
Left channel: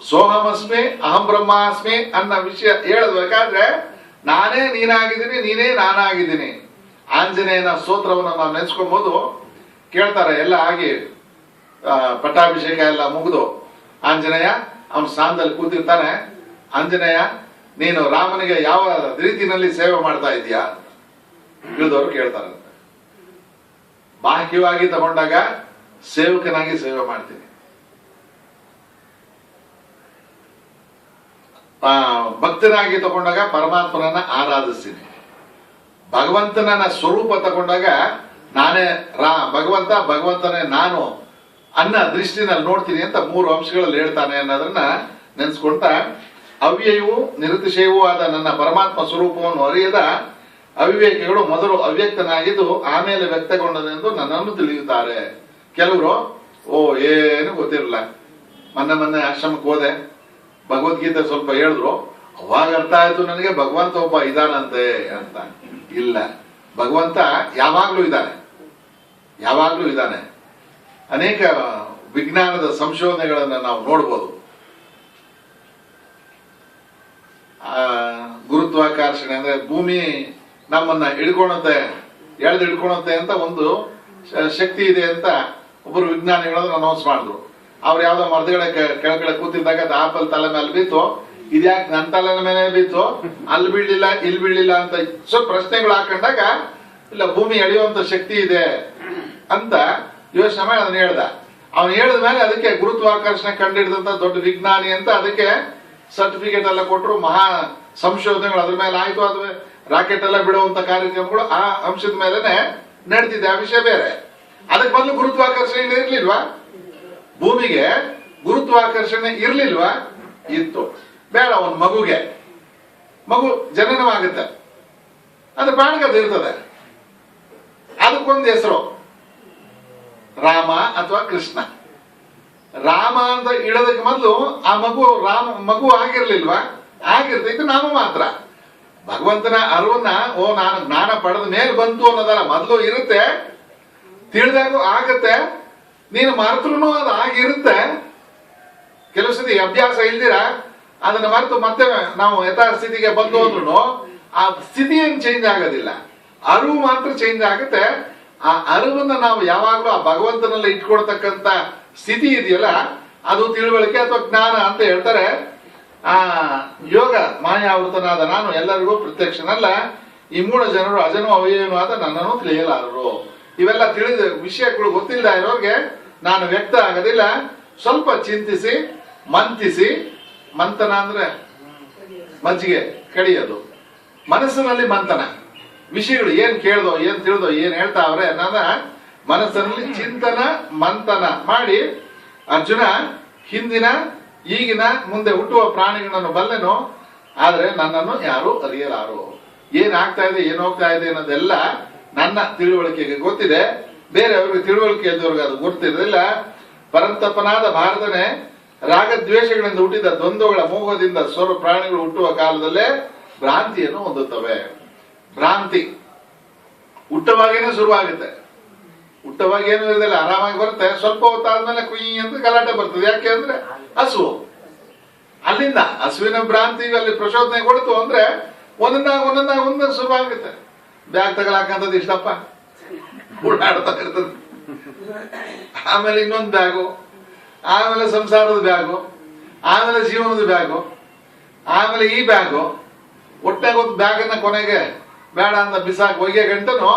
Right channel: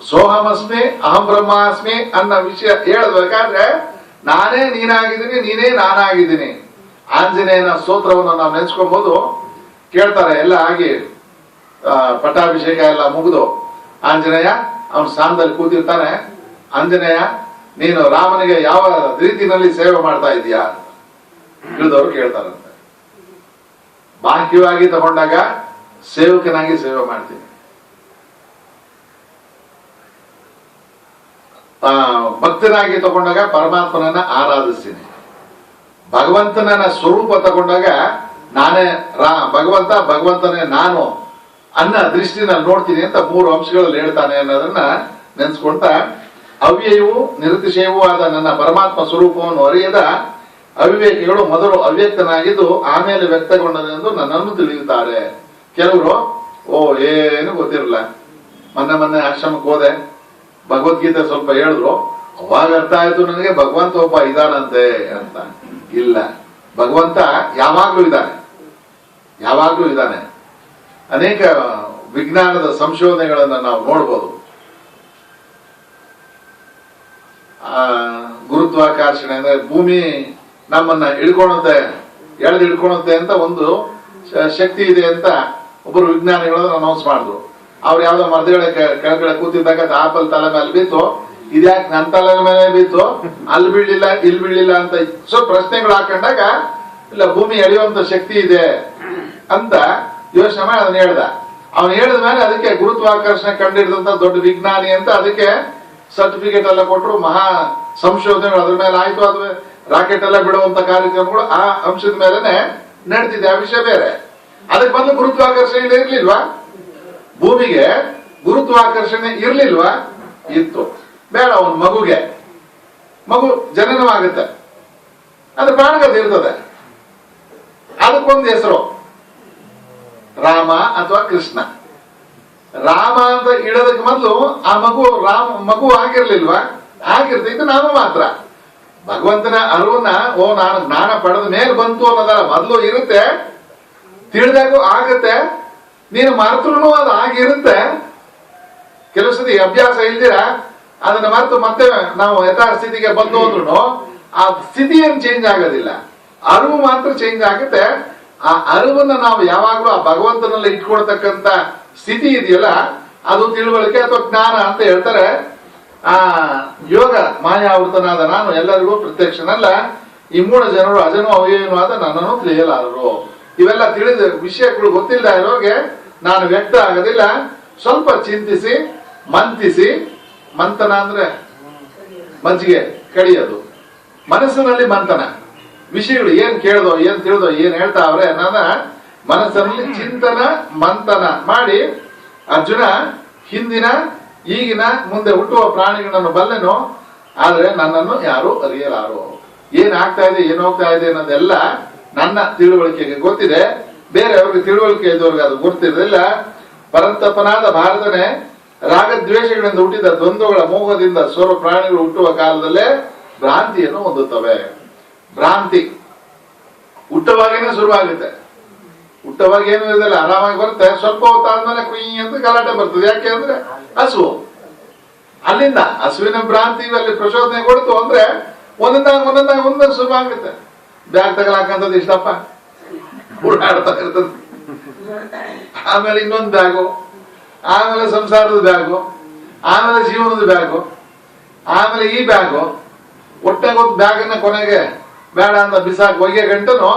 ಸೋಹಮಸ್ಮಿ ಅಹಂ ಬ್ರಹ್ಮಾಸ್ಮಿ ಅನ್ನೋ ವಿಷಯ ಹೇಳಬೇಕಾದ್ರೆ ನಾನೇ ನೀನಾಗಿದ್ದೀನಿ, ನೀನೇ ನಾನಾಗಿದ್ದೀನಿ. ಆಂಜನೇಯನ ಸ್ತೋತ್ರವನ್ನು ನಾವು ನೆನೆಸ್ಕೊಬಹುದು. ಕೇಳ್ತಾರೆ ಎಲ್ಲ ಆಗಿ ಪಟ್ಟಾಭಿಷೇಕ ಎಲ್ಲ ಮುಗಿದು ಆಂಜನೇಯ ಅವನ ಸ್ಥಾನದಲ್ಲಿ ಕೂತಿರ್ತಾನೆ. ಆಂಜನೇಯ ನೀನು ರಾಮನಿಗೆ ಯಾವ ರೀತಿಯಲ್ಲಿ ಸೇವೆ ಮಾಡ್ತಾ ಇದೀಯಾ ಅಂತ ತಿಳಿದವರು ಕೇಳ್ತಾರಂತೆ. ಬಾಹ್ಯವಾಗಿ ತಗೊಂಡಾಗ ಸೇವಕನಾಗಿ ಸೇವೆ ಮಾಡ್ತೀನಿ, ಭಕ್ತನಾಗಿ ತಗೊಂಡಾಗ ಪರಮಾತ್ಮನನ್ನ ಆರಾಧಿಸ್ತೀನಿ, ಭಗವಂತನ ಸ್ವರೂಪ ತಗೊಂಡಾಗ ನಾನೇ ಭಗವಂತನೇ ನಾನು ಅನ್ನ ದೃಷ್ಟಿನಲ್ಲಿ ನೋಡ್ತೀನಿ ಅಂತ 3 ಅಂಶಗಳಲ್ಲಿ ಹೇಳ್ತಾನೆ ಅನ್ನೋದನ್ನ ನೆನ್ಸ್ಕೊಂತ ಅವ್ಯಯವೂ ನಿರತಿಶಯವೂ ಆದ ನನ್ನ ಪರಮಾತ್ಮ ಸ್ವರೂಪವನ್ನು ಅರಿಯದ ಅವಿವೇಕಿಗಳು ಮೊದಲು ಅವ್ಯಕ್ತನಾಗಿದ್ದು ಆಮೇಲೆ ವ್ಯಕ್ತಗೊಂಡದೆಂದು ನನ್ನನ್ನು ತಿಳಿಯುತ್ತಾರೆ. ಕೆಲವರು ಏನು ಗೊತ್ತಿರಲ್ಲ, ಮೊನ್ನೆ ಆಶ್ರಮಕ್ಕೆ ಹೋದೆ, ಭಗವದ್ಗೀತೆ ಸ್ವಲ್ಪ ಹೇಳಿದ್ರು, ಅವಾಗ ಅರ್ಥ ಆಯ್ತು ನನಗೆ ಭಗವಂತ ಒಬ್ಬ ಇದಾನಂತೆ ಅಂತ. ಇಲ್ಲ, ಭಗವಂತ ಯಾವಾಗ್ಲೂ ಇದ್ದಾನೆ. ಅನೇಕ ವಿಜ್ಞಾನದ ಸಂಶೋಧನೆಗಳನ್ನ ನಾವು ನೋಡ್ಬೋದು. ಗುರುತ್ವಾಕರ್ಷಣೆ ಅಂದ್ರೆ ಭೂಮಿ ನಮ್ಮನ್ನ ಎಳೆದಿಡ್ಕೊಳುತ್ತೆ ಅಂತ ಒಂದು ಶಕ್ತಿ ಇದೆ ಅಂತ ಒಬ್ಬರು ವಿಜ್ಞಾನಿಗಳು ಅನೌನ್ಸ್ ಮಾಡಿದ್ರು. ಅವ್ರು ಯಾವ್ದೋ ಮರದಗಳ ಕೆಳಗಡೆ ಕೂತಿದ್ದಾಗ ಆಪಲ್ ತಲೆ ಮೇಲೆ ಬಿತ್ತು, ಇದ್ಯಾಕೆ ನನ್ನ ತಲೆ ಮೇಲೆ ಬಿತ್ತು, ಅಲ್ಲಿ ಬೀಳ್ಲಿಲ್ಲ ಇಲ್ಲಿ ಬೀಳ್ಲಿಲ್ಲ ಅಂತ ಸ್ವಲ್ಪ ಪ್ರಶ್ನೆಗಳು ಹಾಕೊಂಡಾಗ ಇಲ್ಲ ಭೂಮಿ ಎಳೆಯುವಂತ ಶಕ್ತಿ ಇದೆ ಅಂತ ಯೋಚನೆ ಮಾಡಿ ಅದನ್ನ ಹೇಳ್ದ. ಅವನು ಹೇಳಿದ ಮೇಲೆ ಅದಕ್ಕೆ ಗುರುತ್ವಾಕರ್ಷಣೆ ಕಂಡಿಡಿದಂತ ದೊಡ್ಡ ವಿಜ್ಞಾನಿ ಅಂತ ಅದಕ್ಕೆ ಸರ್ಟಿಫಿಕೇಟ್ ಎಲ್ಲ ಕೊಟ್ಟರು. ಮಹಾ ಸಂಶೋಧನೆಗಳು ಅದ್ರ ಮೇಲೆ ಆಯ್ತು. ಅದು ರಾಕೆಟ್ ಎಲ್ಲ ಬಿಡುವಂತ ಕಾರ್ಯಕ್ರಮಗಳು ಆ ಅಂಶದ ಮೇಲೆನೆ ನಡೆದಿದೆ. ಆ ವಿಷಯ ಬೇರೆ. ಅದಕ್ಕೆ ಮೊದಲು ಗುರುತ್ವಾಕರ್ಷಣೆ ಇರ್ಲಿಲ್ವಾ? ಭೂಮಿಗೆ ಗುರುತ್ವಾಕರ್ಷಣೆ ಇರ್ಲಿಲ್ವಾ? ಇತ್ತು. ಬೇಡ, ಅವನ್ ಮಗು ಜನನವಾಗುತ್ತೆ, ಅದು ಪ್ರಾಣಗತ ಇರ್ತದೆ, ಅದಕ್ಕೊಂದು ಹೆಸರು ರಾಮ ಅಥವಾ ಕೃಷ್ಣ. ರಾಮ ಅಂತ ಇಡೋದಕ್ಕೆ ಮೊದಲು ಆ ಮಗು ಆಗಿರ್ಲಿಲ್ವಾ? ಆಗಿರ್ತೈತೆ. ನಾಮ ಮಾತ್ರ ಭಗವಂತನ ಅರಿವನ್ನ ನಾನು ಜ್ಞಾನ ಪಡೆದ ಮೇಲೆ ಬಂತು ಅನ್ನೋದಲ್ಲ, ಮೊದಲು ಇರುತ್ತೆ, ತಿಳಿದಾಗೂ ಆಗತ್ತೆ. ನೀನು ಮರೆತರೂ ಅದು ಆಗಿರುತ್ತೆ. ಕೆಲವು ಸತಿ ಅಭ್ಯಾಸ ಇಲ್ದಿರ ಅದನ್ನ ಮರೆತು ಮತ್ತೆ ನಾವು ಯಥಾಸ್ಥಿತಿಗೆ ಬಂದು ಅಂದ್ರೂ ಆ ಸ್ಥಿತಿ ಏನು ಚೇಂಜ್ ಆಗೋದಿಲ್ಲ, ಅರಿವು ಮಾತ್ರ ಚೇಂಜ್ ಆಗುತ್ತೆ. ಆ ಅರಿವನ್ನ ನಾವು ಯಾವಾಗ್ಲೂ ಆ ಭಗವಂತನಲ್ಲಿ ಇಟ್ಕೊಳ್ತಕ್ಕಂತ ಸ್ಥಿತಿ ಇದೆಯಲ್ಲ, ಅದು ತಿಳುವಳಿಕೆ ಅಥವಾ ಜ್ಞಾನ ಅಂತ ಹೇಳ್ತಾರೆ. ಆ ಯೋಗ ಮಾಯಾವೃತನಾದ ನಾನು ಎಲ್ಲರಿಗೂ ಪ್ರತ್ಯಕ್ಷನಲ್ಲ, ಈ 3 ಜನರು ಅಜನೋ ಅವ್ಯಯನೂ ಆದ ನನ್ನನ್ನು ತಿಳಿಯಲಾರರು. ಇವೆಲ್ಲ ತಿಳಿದ ವಿಷಯಗಳು ಗೊತ್ತಿಲ್ಲ ಇರೋರಿಗೆ ನಾನು ವ್ಯಕ್ತ ಆಗೋದಿಲ್ಲ. ಸ್ವಲ್ಪ ಚಿಂತಿಸಿ ಮಂಥಿಸಿ, ಮಂಥನ ಅಂದ್ರೆ ಮಜ್ಜಿಗೆ ಕಡಿಯೋದು, ಮನಸ್ಸಿನಲ್ಲಿ ಮಂಥನ, ವಿಷಯಗಳು ಏನ್ ಕೇಳ್ದೋ ಏನ್ ತಿಳಿದೋ ಏನ್ ಹೇಳ್ತಾವ್ರೆ ಅನ್ನೋದ ಮನಸ್ಸಿನಲ್ಲಿ ಚಿಂತನ ಮಂಥನ ಮಾಡಿ ಅರ್ಜುನ ಹಿಂದಿನ ಈಗಿನ ಮುಂದೆ ಹುಟ್ಟುವ ಪ್ರಾಣಿಗಳನ್ನು ಬಲ್ಲೆನು, ಆದ್ರೆ ನನ್ನನ್ನು ಯಾರು ಅರಿಯಲಾರು. ಏನ್ ಆಗ್ತಾ ಇದೆ ಏನ್ ಹೋಗ್ತಾ ಇದೆ ಅನ್ನೋದೆಲ್ಲ ನನ್ನ ತಿಳುವಳಿಕೆಗೆ ಗೊತ್ತಿದೆ, ಬೇರೆಯವ್ರಿಗೆ ತಿಳುವಳಿಕೆ ಇದ್ದವ್ರಿಗೆ ಅದು ಗೊತ್ತಿರಲಿಲ್ಲ. ಪರಂತಪನಾದ ಭಾರತನೇ ರಾಗದ್ವೇಷಗಳಿಂದ ಹುಟ್ಟಿದ ದ್ವಂದ್ವಗಳ ಮೋಹದಿಂದ ಸ್ವರ ಪ್ರಾಣಿಗಳು ಹುಟ್ಟುವ ಕಾಲದಲ್ಲೇ ಭ್ರಾಂತಿಯನ್ನು ಹೊಂದುತ್ತವೆ. ಭ್ರಾಂತಿ ಹುಟ್ಟವಾಗೇನೆ ಶುರುವಾಗುತ್ತೆ. ಹುಟ್ಟವಾಗ ಏನು ಇರೋದಿಲ್ಲ, ಆರಾಮಾಗಿ ಬರುತ್ತೆ. ಸ್ವಲ್ಪ ಹೊತ್ತಾದ್ಮೇಲೆ ಕುಯ್ ಅಂತ ಗಲಾಟೆ ಬರ್ತದೆ. ಯಾಕೆ ಅಂದ್ರೆ ಹಸು. ಅಲ್ಲಿಂದ ಹಸುವಿನ ಭ್ರಾಂತಿ ಅಲ್ಲಿ ಪ್ರಚೋದನೆ ಕೊಡ್ತು ಅಂದ್ರೆ ಒಂದೊಂದಾಗ ಶುರುವಾಗುತ್ತೆ. ಬ್ಯಾಗ್ ತಗಲಾಕಂತದ್ದು ಇಷ್ಟಪ್ಪ ಓಡಾಡ್ತಾ ಇರ್ತದೆ. ಆಮೇಲೆ ಇನ್ನೊಂದು ಬ್ಯಾಗು, ಆಮೇಲೆ ಸಂಸಾರದ ಬ್ಯಾಗು, ಆಮೇಲೆ ಜೀವನದ ಬ್ಯಾಗು, ಆಮೇಲೆ ಈ ಬ್ಯಾಗು. ಒಟ್ಟಾಗ ಒಂದು ಬ್ಯಾಗನ್ನ ಕೊನೆಗೆ ಬೇಡ ಅಂತ ಬಿಸಾಕ್ ಹೋಗಿ ಗಂಟನು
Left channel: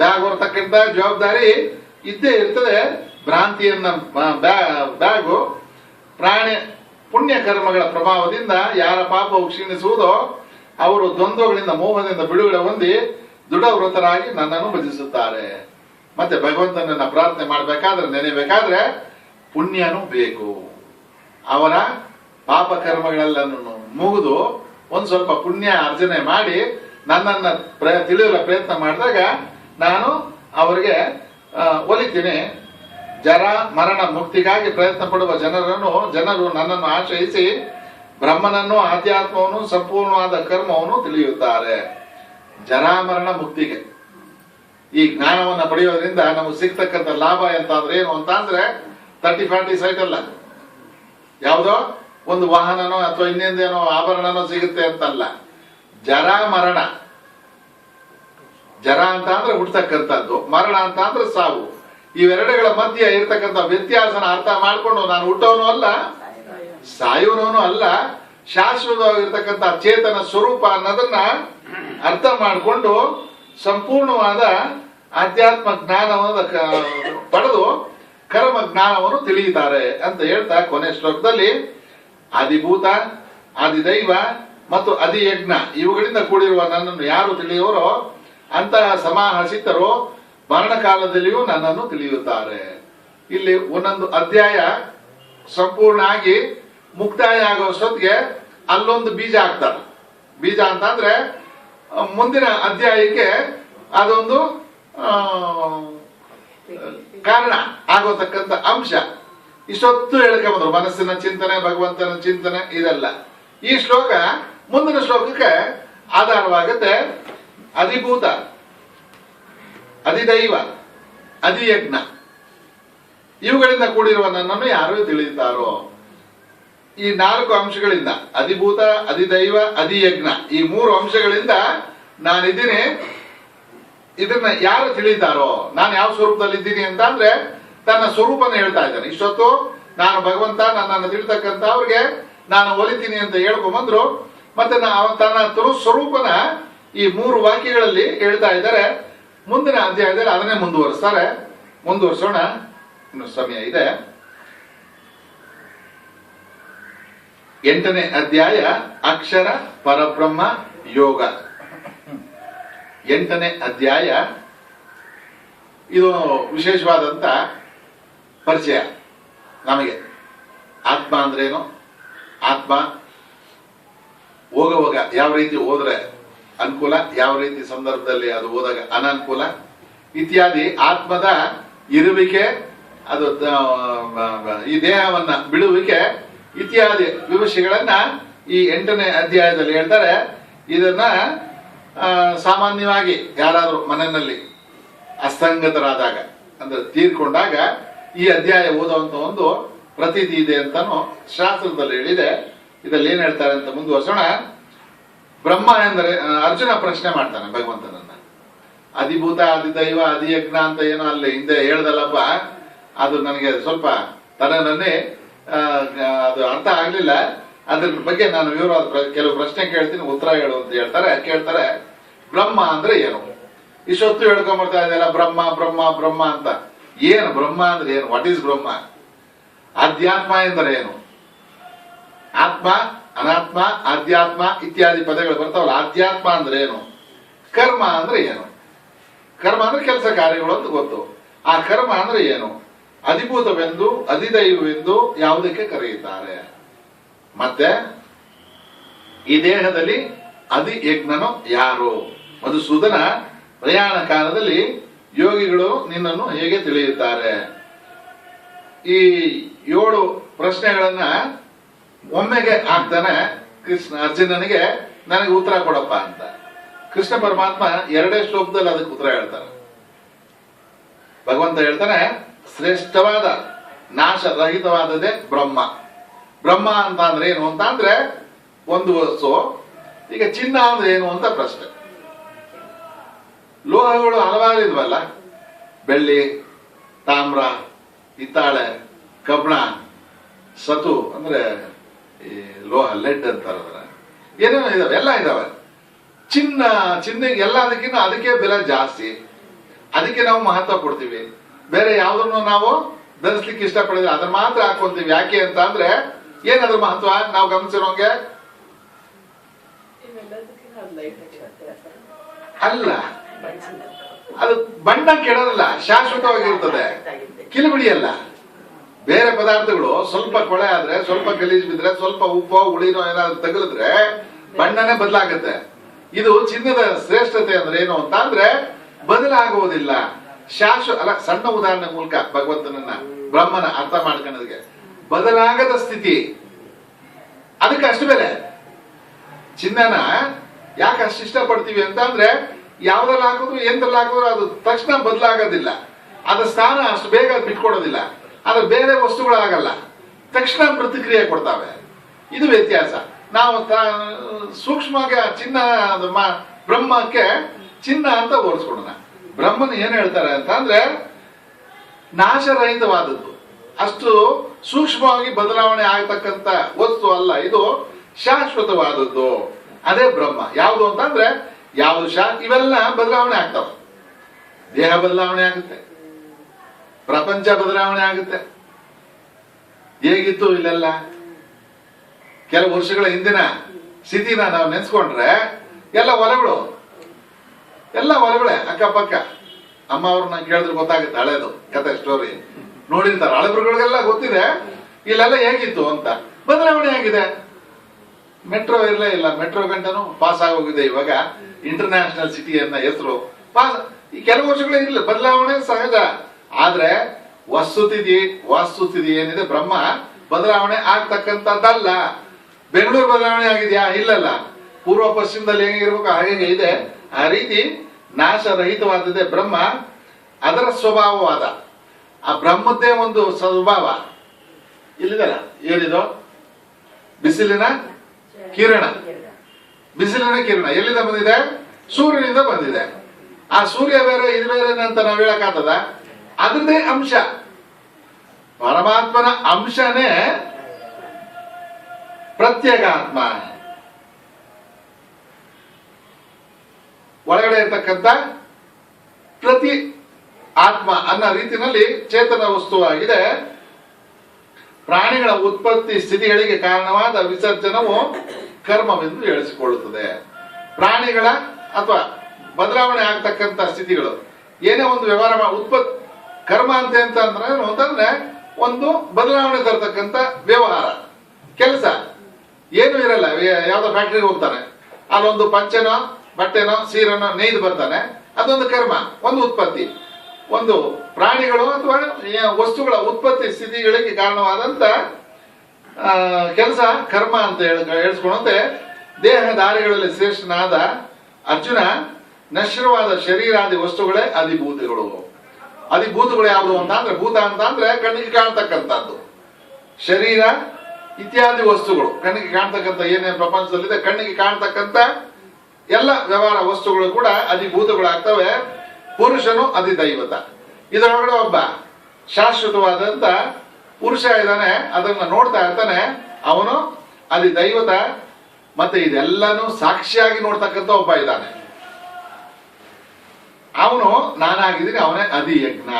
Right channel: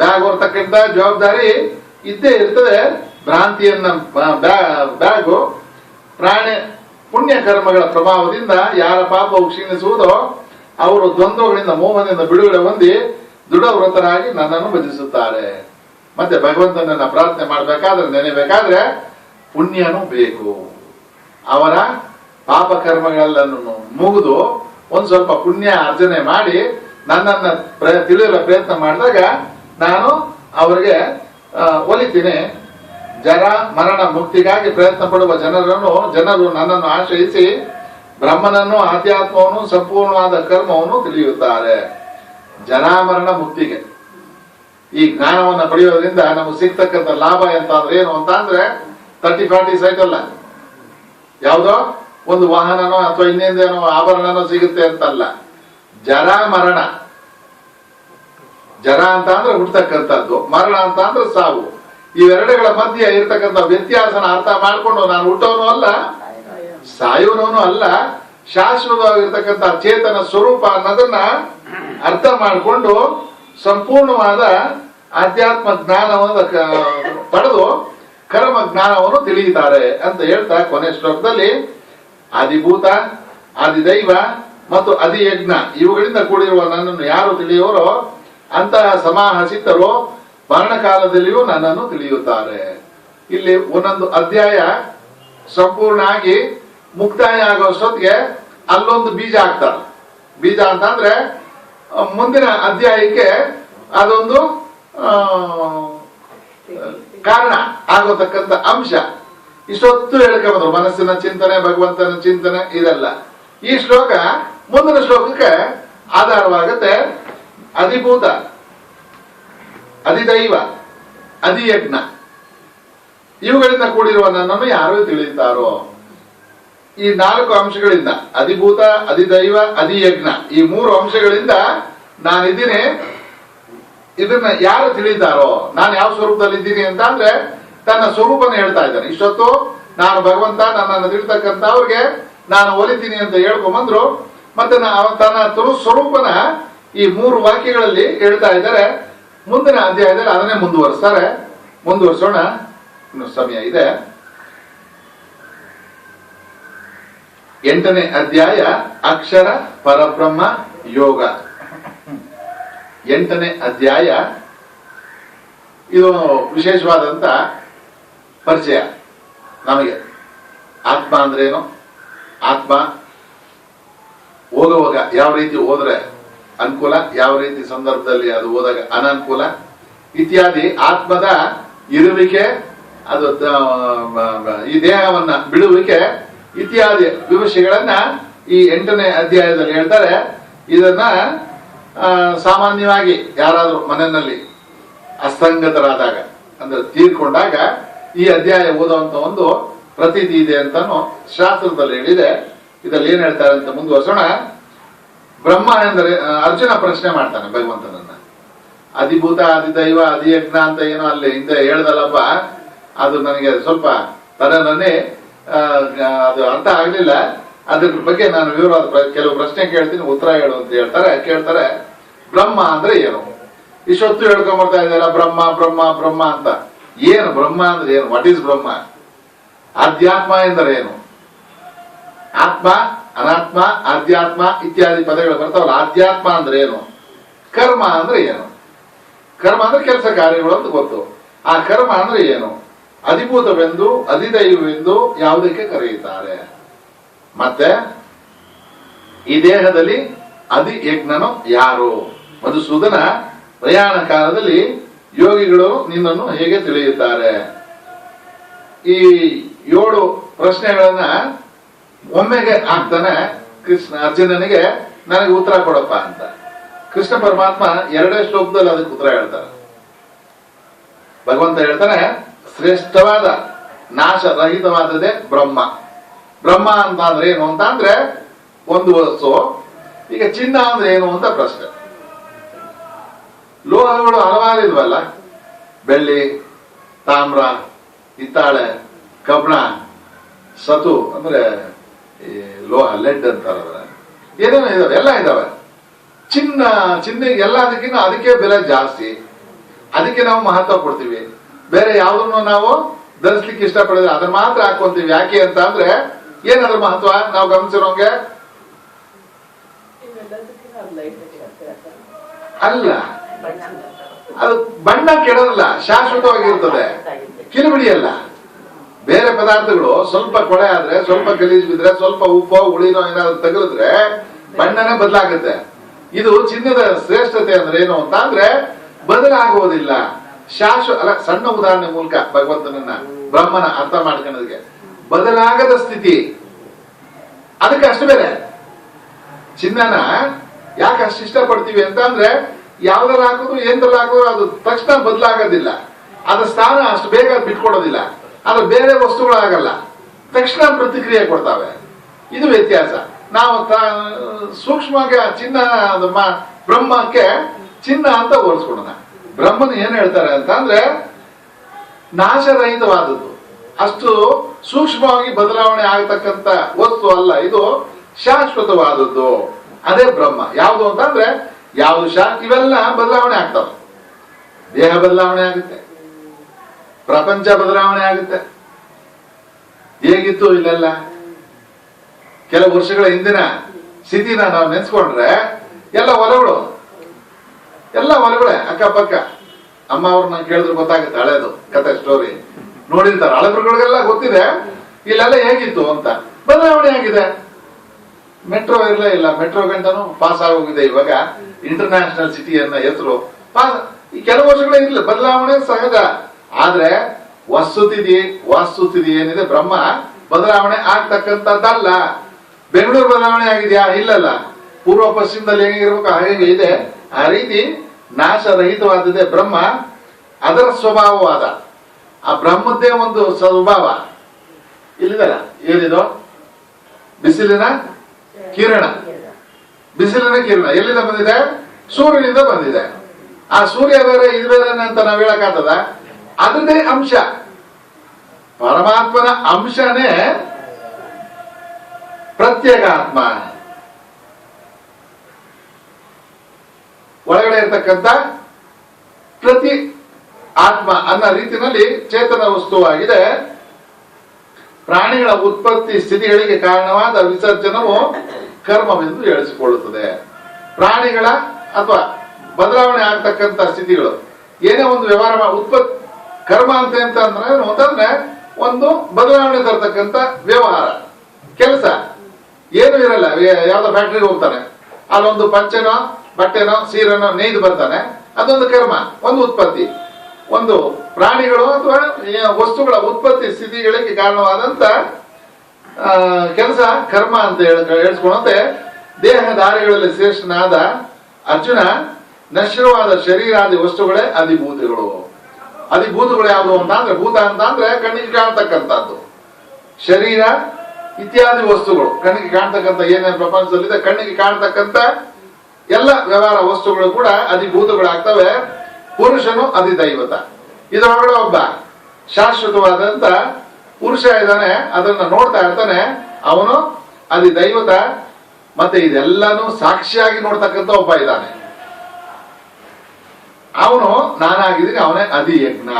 ಬ್ಯಾಗ್ ಹೊರತಕ್ಕಂತ ಜವಾಬ್ದಾರಿ ಇದ್ದೇ ಇರ್ತದೆ. ಭ್ರಾಂತಿಯನ್ನ ಬ್ಯಾಗು ಪ್ರಾಣಿ ಪುಣ್ಯ ಕರ್ಮಗಳ ಪ್ರಭಾವದಿಂದ ಯಾರ ಪಾಪವು ಕ್ಷೀಣಿಸುವುದೋ ಅವರು ದ್ವಂದ್ವಗಳಿಂದ ಮೋಹದಿಂದ ಬಿಡುಗಡೆ ಹೊಂದಿ ದೃಢವ್ರತರಾಗಿ ನನ್ನನ್ನು ಭಜಿಸುತ್ತಾರೆ. ಮತ್ತೆ ಭಗವಂತನನ್ನ ಪ್ರಾರ್ಥನೆ ಮಾಡ್ಬೇಕಾದ್ರೆ, ನೆನೆಬೇಕಾದ್ರೆ ಪುಣ್ಯನೂ ಬೇಕು. ಅವರ ಪಾಪ ಕರ್ಮಗಳೆಲ್ಲನ್ನು ಮುಗಿದು ಒಂದ್ ಸ್ವಲ್ಪ ಪುಣ್ಯ ಅರ್ಜನೆ ಮಾಡಿ ನನ್ನನ್ನ ತಿಳಿಯಲು ಪ್ರಯತ್ನ ಮಾಡಿದಾಗ ನಾನು ಅವರಿಗೆ ಒಲಿತೀನಿ. ಜರ ಮರಣ ಮುಕ್ತಿಗಾಗಿ ಪ್ರಯತ್ನ ಪಡುವ ಜನರು ನನ್ನನ್ನು ಆಶ್ರಯಿಸಿ ಬ್ರಹ್ಮನನ್ನು, ಆಧ್ಯಾತ್ಮವನ್ನು, ಸಂಪೂರ್ಣವಾದ ಕರ್ಮವನ್ನು ತಿಳಿಯುತ್ತಾರೆ. ಜರಾಮರಣ ಮುಕ್ತಿಗೆ ಈ ಜ್ಞಾನವನ್ನ ಪಡೆಯೋದ್ರಿಂದ ನಮಗೆ ಸಿಗ್ತಕ್ಕಂಥ ಲಾಭ ಎಂತ ಅಂದ್ರೆ ಏನು ಅಂತ ಅಂದ್ರೆ 30-40 ಸೈಟ್ ಅಲ್ಲ, ಯಾವುದೋ ಒಂದು ವಾಹನನೋ ಅಥವಾ ಇನ್ನೊಂದೇನೋ ಆಭರಣನೋ ಸಿಗುತ್ತೆ ಅಂತಲ್ಲ. ಜರಾಮರಣ. ಜರ ಅಂತ ಅಂದ್ರೆ ಹುಟ್ಟತಕ್ಕಂಥದ್ದು, ಮರಣ ಅಂತ ಅಂದ್ರೆ ಸಾವು. ಇವೆರಡುಗಳ ಮಧ್ಯೆ ಇರ್ತಕ್ಕಂಥ ವ್ಯತ್ಯಾಸನ ಅರ್ಥ ಮಾಡ್ಕೊಂಡು ನಾನು ಹುಟ್ಟವನು ಅಲ್ಲ, ಸಾಯುವನವನು ಅಲ್ಲ, ಶಾಶ್ವತವಾಗಿರ್ತಕ್ಕಂಥ ಚೇತನ ಸ್ವರೂಪ ಅನ್ನೋದನ್ನ ಅರ್ಥ ಮಾಡಿಕೊಂಡು ಸಂಪೂರ್ಣವಾದ ಆಧ್ಯಾತ್ಮ ಜ್ಞಾನವನ್ನು ಪಡೆದು ಕರ್ಮ ಜ್ಞಾನವನ್ನು ತಿಳಿಯುತ್ತಾರೆ ಅಂತ ಹೇಳ್ತಾ ಕೊನೆ ಶ್ಲೋಕದಲ್ಲಿ ಆದಿಭೂತ, ಆದಿದೈವ ಮತ್ತು ಅಧಿಯಜ್ಞ ಇವುಗಳಿಂದ ಕೂಡಿರುವ ನನ್ನನ್ನು ಯಾರು ತಿಳಿಯುವರೋ ಅಂತಹ ಸಮಾಹಸಿತರು ಮರಣಕಾಲದಲ್ಲಿಯೂ ನನ್ನನ್ನು ತಿಳಿಯುತ್ತಾರೆ. ಇಲ್ಲಿ ಒಂದೊಂದು ಅಧ್ಯಾಯ ಸಂಪೂರ್ಣ ಆಗಿ ಮುಕ್ತಾಯ ಆಗೋಷ್ಟೊತ್ತಿಗೆ ಅಲ್ಲೊಂದು ಬೀಜ ಹಾಕ್ತಾರೆ. ಬೀಜ ಅಂತ ಅಂದ್ರೆ ಮುಂದಿನ ಅಧ್ಯಾಯಕ್ಕೆ ಅದೊಂದು ಕಾರಣ ಆಗೋತಕ್ಕಂಥ ಅಂಶ. ಇಷ್ಟೊತ್ತು ಹೇಳ್ಕೊಂಡ್ರು ಮನಸ್ಸಿನ ಚಿಂತನೆ, ಭಗವಂತನ ಚಿಂತನೆ, ಇದೆಲ್ಲ ಈ ಶ್ಲೋಕ ಮುಂದಿನ ಶ್ಲೋಕಕ್ಕೆ ಆಧಾರವಾಗುತ್ತೆ. ಅಧಿಭೂತ, ಅಧಿದೈವ, ಅಧಿಯಜ್ಞ ಇವುಗಳಿಂದ ಕೂಡಿರುವ ನನ್ನನ್ನು ಯಾರು ತಿಳಿಯುತ್ತಾರೋ. ಈ 4 ಅಂಶಗಳಿಂದ, ಅಧಿಭೂತ, ಅಧಿದೈವ, ಅಧಿಯಜ್ಞ, ಈ 3 ಅಂಶಗಳಿಂದ ನಾನಿದ್ದೀನಿ. ಇದನ್ನ ಯಾರು ತಿಳಿತಾರೋ, ನಾನು ಯಾವ ಸ್ವರೂಪದಲ್ಲಿ ಇದ್ದೀನಿ ಅಂತ ಅಂದ್ರೆ ತನ್ನ ಸ್ವರೂಪನ ಹೇಳ್ತಾ ಇದ್ದಾನೆ. ಇಷ್ಟೊತ್ತು ನಾನು ಭಗವಂತ ನನ್ನನ್ನು ತಿಳಿತಕ್ಕಂತ ಅವ್ರಿಗೆ ನಾನು ಒಲಿತೀನಿ ಅಂತ ಹೇಳ್ಕೊಂಬಂದ್ರು. ಮತ್ತೆ ತನ್ನ ಸ್ವರೂಪನ ಈ 3 ವಾಕ್ಯಗಳಲ್ಲಿ ಹೇಳ್ತಾ ಇದ್ದಾರೆ. ಮುಂದಿನ ಅಧ್ಯಾಯದಲ್ಲಿ ಅದನ್ನೇ ಮುಂದುವರಿಸ್ತಾರೆ. ಮುಂದುವರಿಸೋಣ, ಇನ್ನು ಸಮಯ ಇದೆ. 8ನೇ ಅಧ್ಯಾಯ ಅಕ್ಷರ ಪರಬ್ರಹ್ಮ ಯೋಗ. 8ನೇ ಅಧ್ಯಾಯ ಇದು ವಿಶೇಷವಾದಂತ ಪರಿಚಯ ನಮಗೆ. ಆತ್ಮ ಅಂದ್ರೇನು, ಆತ್ಮ ಹೋಗುವಾಗ ಯಾವ ರೀತಿ ಹೋದ್ರೆ ಅನುಕೂಲ, ಯಾವ ರೀತಿ ಸಂದರ್ಭದಲ್ಲಿ ಅದು ಹೋದಾಗ ಅನನುಕೂಲ ಇತ್ಯಾದಿ, ಆತ್ಮದ ಇರುವಿಕೆ, ಅದು ಈ ದೇಹವನ್ನ ಬಿಡುವಿಕೆ ಇತ್ಯಾದಿ ವಿಷಯಗಳನ್ನ ಈ 8ನೇ ಅಧ್ಯಾಯದಲ್ಲಿ ಹೇಳ್ತಾರೆ. ಇದನ್ನ ಸಾಮಾನ್ಯವಾಗಿ ಯಾರಾದ್ರೂ ಮನೆಯಲ್ಲಿ ಅಸ್ತಂಗತರಾದಾಗ ಅಂದ್ರೆ ತೀರ್ಕೊಂಡಾಗ ಈ ಅಧ್ಯಾಯ ಓದುವಂತ ಒಂದು ಪ್ರತೀತಿ ಇದೆ ಅಂತಾನು ಶಾಸ್ತ್ರದಲ್ಲಿ ಹೇಳಿದೆ. ಇದರಲ್ಲಿ ಏನ್ ಹೇಳ್ತಾರೆ ಅಂತ ಮುಂದುವರ್ಸೋಣ. ಬ್ರಹ್ಮ ಎಂದರೆ, ಅರ್ಜುನ ಪ್ರಶ್ನೆ ಮಾಡ್ತಾನೆ ಭಗವಂತನನ್ನ. ಅಧಿಭೂತ, ಅಧಿದೈವ, ಅಧಿಯಜ್ಞ ಅಂತ ಏನೋ ಅಲ್ಲಿ ಹಿಂದೆ ಹೇಳ್ದಲ್ಲಪ್ಪ, ಅದು ನನಗೆ ಸ್ವಲ್ಪ ತನ್ನನ್ನೇ ಅದು ಅರ್ಥ ಆಗ್ಲಿಲ್ಲ. ಅದ್ರ ಬಗ್ಗೆ ನಾನು ವಿವರವಾದ ಕೆಲವು ಪ್ರಶ್ನೆ ಕೇಳ್ತೀನಿ, ಉತ್ತರ ಹೇಳು ಅಂತ ಕೇಳ್ತಾರೆ. ಬ್ರಹ್ಮ ಅಂದ್ರೆ ಏನು? ಇಷ್ಟೊತ್ತು ಹೇಳ್ಕೊಂಡ್ಬರ್ತಾ ಇದೆಯಲ್ಲ ಬ್ರಹ್ಮ ಬ್ರಹ್ಮ ಬ್ರಹ್ಮ ಅಂತ. ಏನು ಬ್ರಹ್ಮ ಅಂದ್ರೆ ಏನು? ವಾಟ್ ಈಸ್ ಬ್ರಹ್ಮ? ಆಧ್ಯಾತ್ಮ ಎಂದರೆ ಏನು? ಆತ್ಮ, ಅನಾತ್ಮ, ಆಧ್ಯಾತ್ಮ ಇತ್ಯಾದಿ ಪದಗಳು ಬರ್ತಾವಲ್ಲ. ಆಧ್ಯಾತ್ಮ ಅಂದ್ರೆ ಏನು? ಕರ್ಮ ಅಂದ್ರೆ ಏನು? ಕರ್ಮ ಅಂದ್ರೆ ಕೆಲಸ ಕಾರ್ಯಗಳು ಅಂತ ಗೊತ್ತು. ಆ ಕರ್ಮ ಅಂದ್ರೆ ಏನು? ಅಧಿಭೂತವೆಂದು, ಅಧಿದೈವವೆಂದು ಯಾವುದಕ್ಕೆ ಕರೆಯುತ್ತಾರೆ? ಮತ್ತೆ ಈ ದೇಹದಲ್ಲಿ ಅಧಿಯಜ್ಞನು ಯಾರು? ಮಧುಸೂದನ, ಪ್ರಯಾಣ ಕಾಲದಲ್ಲಿ ಯೋಗಿಗಳು ನಿನ್ನನ್ನು ಹೇಗೆ ತಿಳಿಯುತ್ತಾರೆ? ಈ 7 ಪ್ರಶ್ನೆಗಳನ್ನ ಒಮ್ಮೆಗೆ ಆಗ್ತಾನೆ ಕೃಷ್ಣ ಅರ್ಜುನನಿಗೆ. ನನಗೆ ಉತ್ತರ ಕೊಡಪ್ಪ ಅಂತ. ಕೃಷ್ಣ ಪರಮಾತ್ಮ 2 ಶ್ಲೋಕದಲ್ಲಿ ಅದಕ್ಕೆ ಉತ್ತರ ಹೇಳ್ತಾರೆ. ಭಗವಂತ ಹೇಳ್ತಾನೆ, ಶ್ರೇಷ್ಠವಾದ ನಾಶರಹಿತವಾದದೇ ಬ್ರಹ್ಮ. ಬ್ರಹ್ಮ ಅಂತ ಅಂದ್ರೆ ಏನು ಅಂತ ಅಂದ್ರೆ ಒಂದು ವಸ್ತು. ಈಗ ಚಿನ್ನ ಅಂದ್ರೆ ಏನು ಅಂತ ಪ್ರಶ್ನೆ. ಲೋಹಗಳು ಹಲವಾರು ಇದ್ವಲ್ಲ, ಬೆಳ್ಳಿ, ತಾಮ್ರ, ಹಿತ್ತಾಳೆ, ಕಬ್ಣ, ಸತು ಅಂದ್ರೆ ಈ ಲೋಹ, ಲೆಡ್ ಅಂತಾರಲ್ಲ, ಏನೇನೋ ಇದಾವೆ, ಎಲ್ಲ ಇದಾವೆ. ಚಿನ್ನ ಎಲ್ಲದಕ್ಕಿಂತ ಅದಕ್ಕೆ ಬೆಲೆ ಜಾಸ್ತಿ, ಅದಕ್ಕೆ ನಾವು ಮಹತ್ವ ಕೊಡ್ತೀವಿ. ಬೇರೆ ಯಾವುದನ್ನು ನಾವು ಧರಿಸ್ಲಿಕ್ಕೆ ಇಷ್ಟಪಡೋದು, ಅದನ್ನ ಮಾತ್ರ ಹಾಕೊಂತೀವಿ. ಯಾಕೆ ಅಂತ ಅಂದ್ರೆ ಏನದ್ರ ಮಹತ್ವ ನಾವು ಗಮನಿಸಿರೋಂಗೆ ಅಲ್ಲ, ಅದು ಬಣ್ಣ ಕೆಡೋದಿಲ್ಲ, ಶಾಶ್ವತವಾಗಿರ್ತದೆ, ಕಿಲುಬಿಡಿಯಲ್ಲ. ಬೇರೆ ಪದಾರ್ಥಗಳು ಸ್ವಲ್ಪ ಕೊಳೆ ಆದ್ರೆ, ಸ್ವಲ್ಪ ಗಲೀಜ್ ಬಿದ್ರೆ, ಸ್ವಲ್ಪ ಉಪ್ಪೋ ಹುಳಿನೋ ಏನಾದ್ರು ತಗಲಿದ್ರೆ ಬಣ್ಣನೇ ಬದಲಾಗುತ್ತೆ. ಇದು ಚಿನ್ನದ ಶ್ರೇಷ್ಠತೆ ಅಂದ್ರೆ ಏನು ಅಂತ ಅಂದ್ರೆ ಬದಲಾಗುವುದಿಲ್ಲ, ಅಲ್ಲ. ಸಣ್ಣ ಉದಾಹರಣೆ ಮೂಲಕ ಭಗವಂತನನ್ನ, ಬ್ರಹ್ಮನ ಅರ್ಥ ಮಾಡ್ಕೊಳ್ಳೋದಕ್ಕೆ, ಬದಲಾಗದ ಸ್ಥಿತಿ, ಅದಕ್ಕೆ ಅಷ್ಟು ಬೇರೆ. ಚಿನ್ನನ ಯಾಕೆ ಅಷ್ಟು ಇಷ್ಟಪಡ್ತೀವಿ ಅಂತ ಅಂದ್ರೆ ಯಾವ್ದ್ರಲ್ಲಿ ಹಾಕಿದ್ರು ಏನ್ರಲ್ಲಿ ಹಾಕಿದ್ರು ಅದು ತಕ್ಷಣ ಬದಲಾಗೋದಿಲ್ಲ, ಅದ್ರ ಸ್ಥಾನ ಅಷ್ಟು ಬೇಗ ಬಿಟ್ಕೊಡೋದಿಲ್ಲ. ಆದ್ರೆ ಬೇರೆ ವಸ್ತುಗಳಾಗಲ್ಲ, ತಕ್ಷಣ ಪ್ರತಿಕ್ರಿಯೆ ಕೊಡ್ತಾವೆ. ಇದು ವ್ಯತ್ಯಾಸ. ನಾವು ಸೂಕ್ಷ್ಮವಾಗಿ ಚಿನ್ನ ಬ್ರಹ್ಮಕ್ಕೆ ಚಿನ್ನ ಅಂತ ಹೋಲಿಸ್ಕೊಡೋಣ. ಬ್ರಹ್ಮನ್ ಏನ್ ಹೇಳ್ತಾರೆ ಅಂತ ಅಂದ್ರೆ ನಾಶರಹಿತವಾದದ್ದು, ಅಷ್ಟು ಸೂಕ್ಷ್ಮವಾಗಿ ಬದಲಾವಣೆ ಆಗತಕ್ಕಂತ ವಸ್ತು ಅಲ್ಲ, ಇದು ಶಾಶ್ವತವಾದದ್ದು. ಅದೇ ಬ್ರಹ್ಮ. ಯಾವುದು ಅಂತಂದ್ರೆ ಯಾವುದು ಇವೆಲ್ಲ ಬದಲಾವಣೆ ಆಗ್ತವೆ. ದೇಹ ಬದಲಾವಣೆ ಆಗುತ್ತೆ, ಪ್ರಪಂಚ ಬದಲಾವಣೆ ಆಗುತ್ತೆ. ಹೇಗಿತ್ತು ಇಲ್ಲೆಲ್ಲ ಕೆಲವು ವರ್ಷಗಳ ಹಿಂದಿನ ಸ್ಥಿತಿನ ನಾವು ನೆನ್ಸ್ಕೊಂಡ್ರೆ ಎಲ್ಲ ಹೊಲಗಳೇ ಅಕ್ಕಪಕ್ಕ. ಅಮ್ಮ ಅವ್ರನ್ನ ಕೇಳಿದ್ರೆ ಗೊತ್ತಾಗುತ್ತೆ, ಹಳೇದು ಕತೆ ಸ್ಟೋರಿ ನೋಡಿರ್ತಾರೆ, ಹಳಬರುಗಳಿಗೆಲ್ಲ ಗೊತ್ತಿದೆ ಇಲ್ಲೆಲ್ಲ ಹೇಗಿತ್ತು ಅಂತ. ಬದಲಾವಣೆ ಆಗಿದೆ. ಮೆಟ್ರೋ ಇರಲೇ ಇಲ್ಲ, ಮೆಟ್ರೋ ಗಂಟನು ಪಾಸ್ ಆಗೋಗಿದೆ. ಇವಾಗ ಇಂಟರ್ನ್ಯಾಷನಲ್ ಸಿಟಿ ಅನ್ನೋ ಹೆಸರು ಪಾಸ್. ಈ ಕೆಲವು ವರ್ಷಗಳೇ ಇರಲಿಲ್ಲ, ಬದಲಾವಣೆ ಸಹಜ. ಆದ್ರೆ ವಾಸ್ತುಸ್ಥಿತಿ ಏನಿದೆ ಬ್ರಹ್ಮ ಬದಲಾವಣೆ ಆಗ್ತಕ್ಕಂಥದ್ದಲ್ಲ. ಬೆಂಗಳೂರು ಬದಲಾವಣೆ ಆಗಿದೆಯಾ? ಇಲ್ಲಲ್ಲ. ಪೂರ್ವ ಪಶ್ಚಿಮದಲ್ಲಿ ಹೇಗಿರ್ಬೇಕು ಹಾಗೆ ಇದೆ. ಆ ರೀತಿ ನಾಶರಹಿತವಾದದ್ದೇ ಬ್ರಹ್ಮ, ಅದರ ಸ್ವಭಾವವಾದ. ಆ ಬ್ರಹ್ಮದ್ದೇ ಒಂದು ಸ್ವಭಾವ ಇಲ್ಲಿದಲ್ಲ. ಏನಿದು? ಬಿಸಿಲಿನ ಕಿರಣ ಎಲ್ಲಿಂದ ಬಂದಿದೆ? ಸೂರ್ಯನಿಂದ ಬಂದಿದೆ. ಆ ಸೂರ್ಯ ಬೇರೆ ಇದು ಬೇರೆ ಅಂತ ನಾವ್ ಹೇಳಕ್ಕಾಗ್ತದ? ಅದನ್ನೇ ಅಂಶ, ಪರಮಾತ್ಮನ ಅಂಶನೇ ಪ್ರತ್ಯೇಕ ಆತ್ಮ. ಒಳಗಡೆ ಇರ್ತಕ್ಕಂಥ ಪ್ರತಿ ಆತ್ಮ ಅನ್ನೋ ರೀತಿಯಲ್ಲಿ ಚೇತನ ವಸ್ತುವಾಗಿದೆ. ಪ್ರಾಣಿಗಳ ಉತ್ಪತ್ತಿ ಸ್ಥಿತಿಗಳಿಗೆ ಕಾರಣವಾದ ವಿಸರ್ಜನವು ಕರ್ಮವೆಂದು ಹೇಳಿಸಿಕೊಳ್ಳುತ್ತದೆ. ಪ್ರಾಣಿಗಳ ಅಥವಾ ಬದಲಾವಣೆ ಆಗ್ತಕ್ಕಂಥ ಸ್ಥಿತಿಗಳು ಏನೇ ಒಂದು ವ್ಯವಹಾರ ಕರ್ಮ ಅಂತಂದ್ರೆ ಒಂದು ಬದಲಾವಣೆ ತರತಕ್ಕಂಥ ವ್ಯವಹಾರ ಕೆಲಸ. ಏನು ಇರಲ್ಲ. ಯಾವ್ದೋ ಫ್ಯಾಕ್ಟ್ರಿಗೆ ಹೋಗ್ತಾನೆ, ಅಲ್ಲೊಂದು ಪಂಚೆನೋ ಬಟ್ಟೆನೋ ಸೀರೆನೋ ನೇಯ್ದು ಬರ್ತಾನೆ, ಅದೊಂದು ಕರ್ಮ, ಒಂದು ಉತ್ಪತ್ತಿ. ಒಂದು ಪ್ರಾಣಿಗಳು ಅಥವಾ ವಸ್ತುಗಳ ಉತ್ಪತ್ತಿ ಸ್ಥಿತಿಗಳಿಗೆ ಕಾರಣವಾದಂತ ಕೆಲಸ ಕರ್ಮ ಅಂತ ಹೇಳಿಸ್ಕೊಂಡಂತೆ ದೇಹಧಾರಿಗಳಲ್ಲಿ ಶ್ರೇಷ್ಠನಾದ ಅರ್ಜುನ ನಶ್ವರವಾದ ಶರೀರಾದಿ ವಸ್ತುಗಳೇ ಅಧಿಭೂತಗಳು. ಅಧಿಭೂತಗಳು ಯಾವುದು ಅಂತ ಅಂದ್ರೆ, ಭೂತ ಅಂತ ಅಂದ್ರೆ ಕಣ್ಣಿಗೆ ಕಾಣ್ತಕ್ಕಂಥದ್ದು, ಶರೀರ ಇತ್ಯಾದಿ ವಸ್ತುಗಳು. ಕಣ್ಣಿಗೆ ಕಾಣ್ತಕ್ಕಂಥ ಏನೇನು ಪ್ರಪಂಚದಲ್ಲಿದೆ, ಕಣ್ಣಿಗೆ ಕಾಣ್ತಕ್ಕಂಥ ಎಲ್ಲ ವ್ಯವಹಾರ ವಸ್ತುಗಳು ಕೂಡ ಅಧಿಭೂತಗಳಾಗ್ತವೆ. ಪುರುಷನು ಅಧಿದೈವತ. ಇದರೊಳಗಡೆ ಒಬ್ಬ ಶಾಶ್ವತವಾದಂತ ಪುರುಷ ಇದ್ದಾನೆ, ಅದನ್ನ ನೋಡ್ತಾ ಇರ್ತಾನೆ, ಅವನು ಅಧಿದೈವತ. ಮತ್ತೆ ಇದೆಲ್ಲಾನು ಸಾಕ್ಷಿಯಾಗಿ ನೋಡ್ತಕ್ಕಂಥ ಒಬ್ಬ ಇದ್ದಾನೆ, ಅವನು ನಾನಾಗಿದ್ದೀನಿ, ಅವನೇ ಅಧಿಯಜ್ಞ.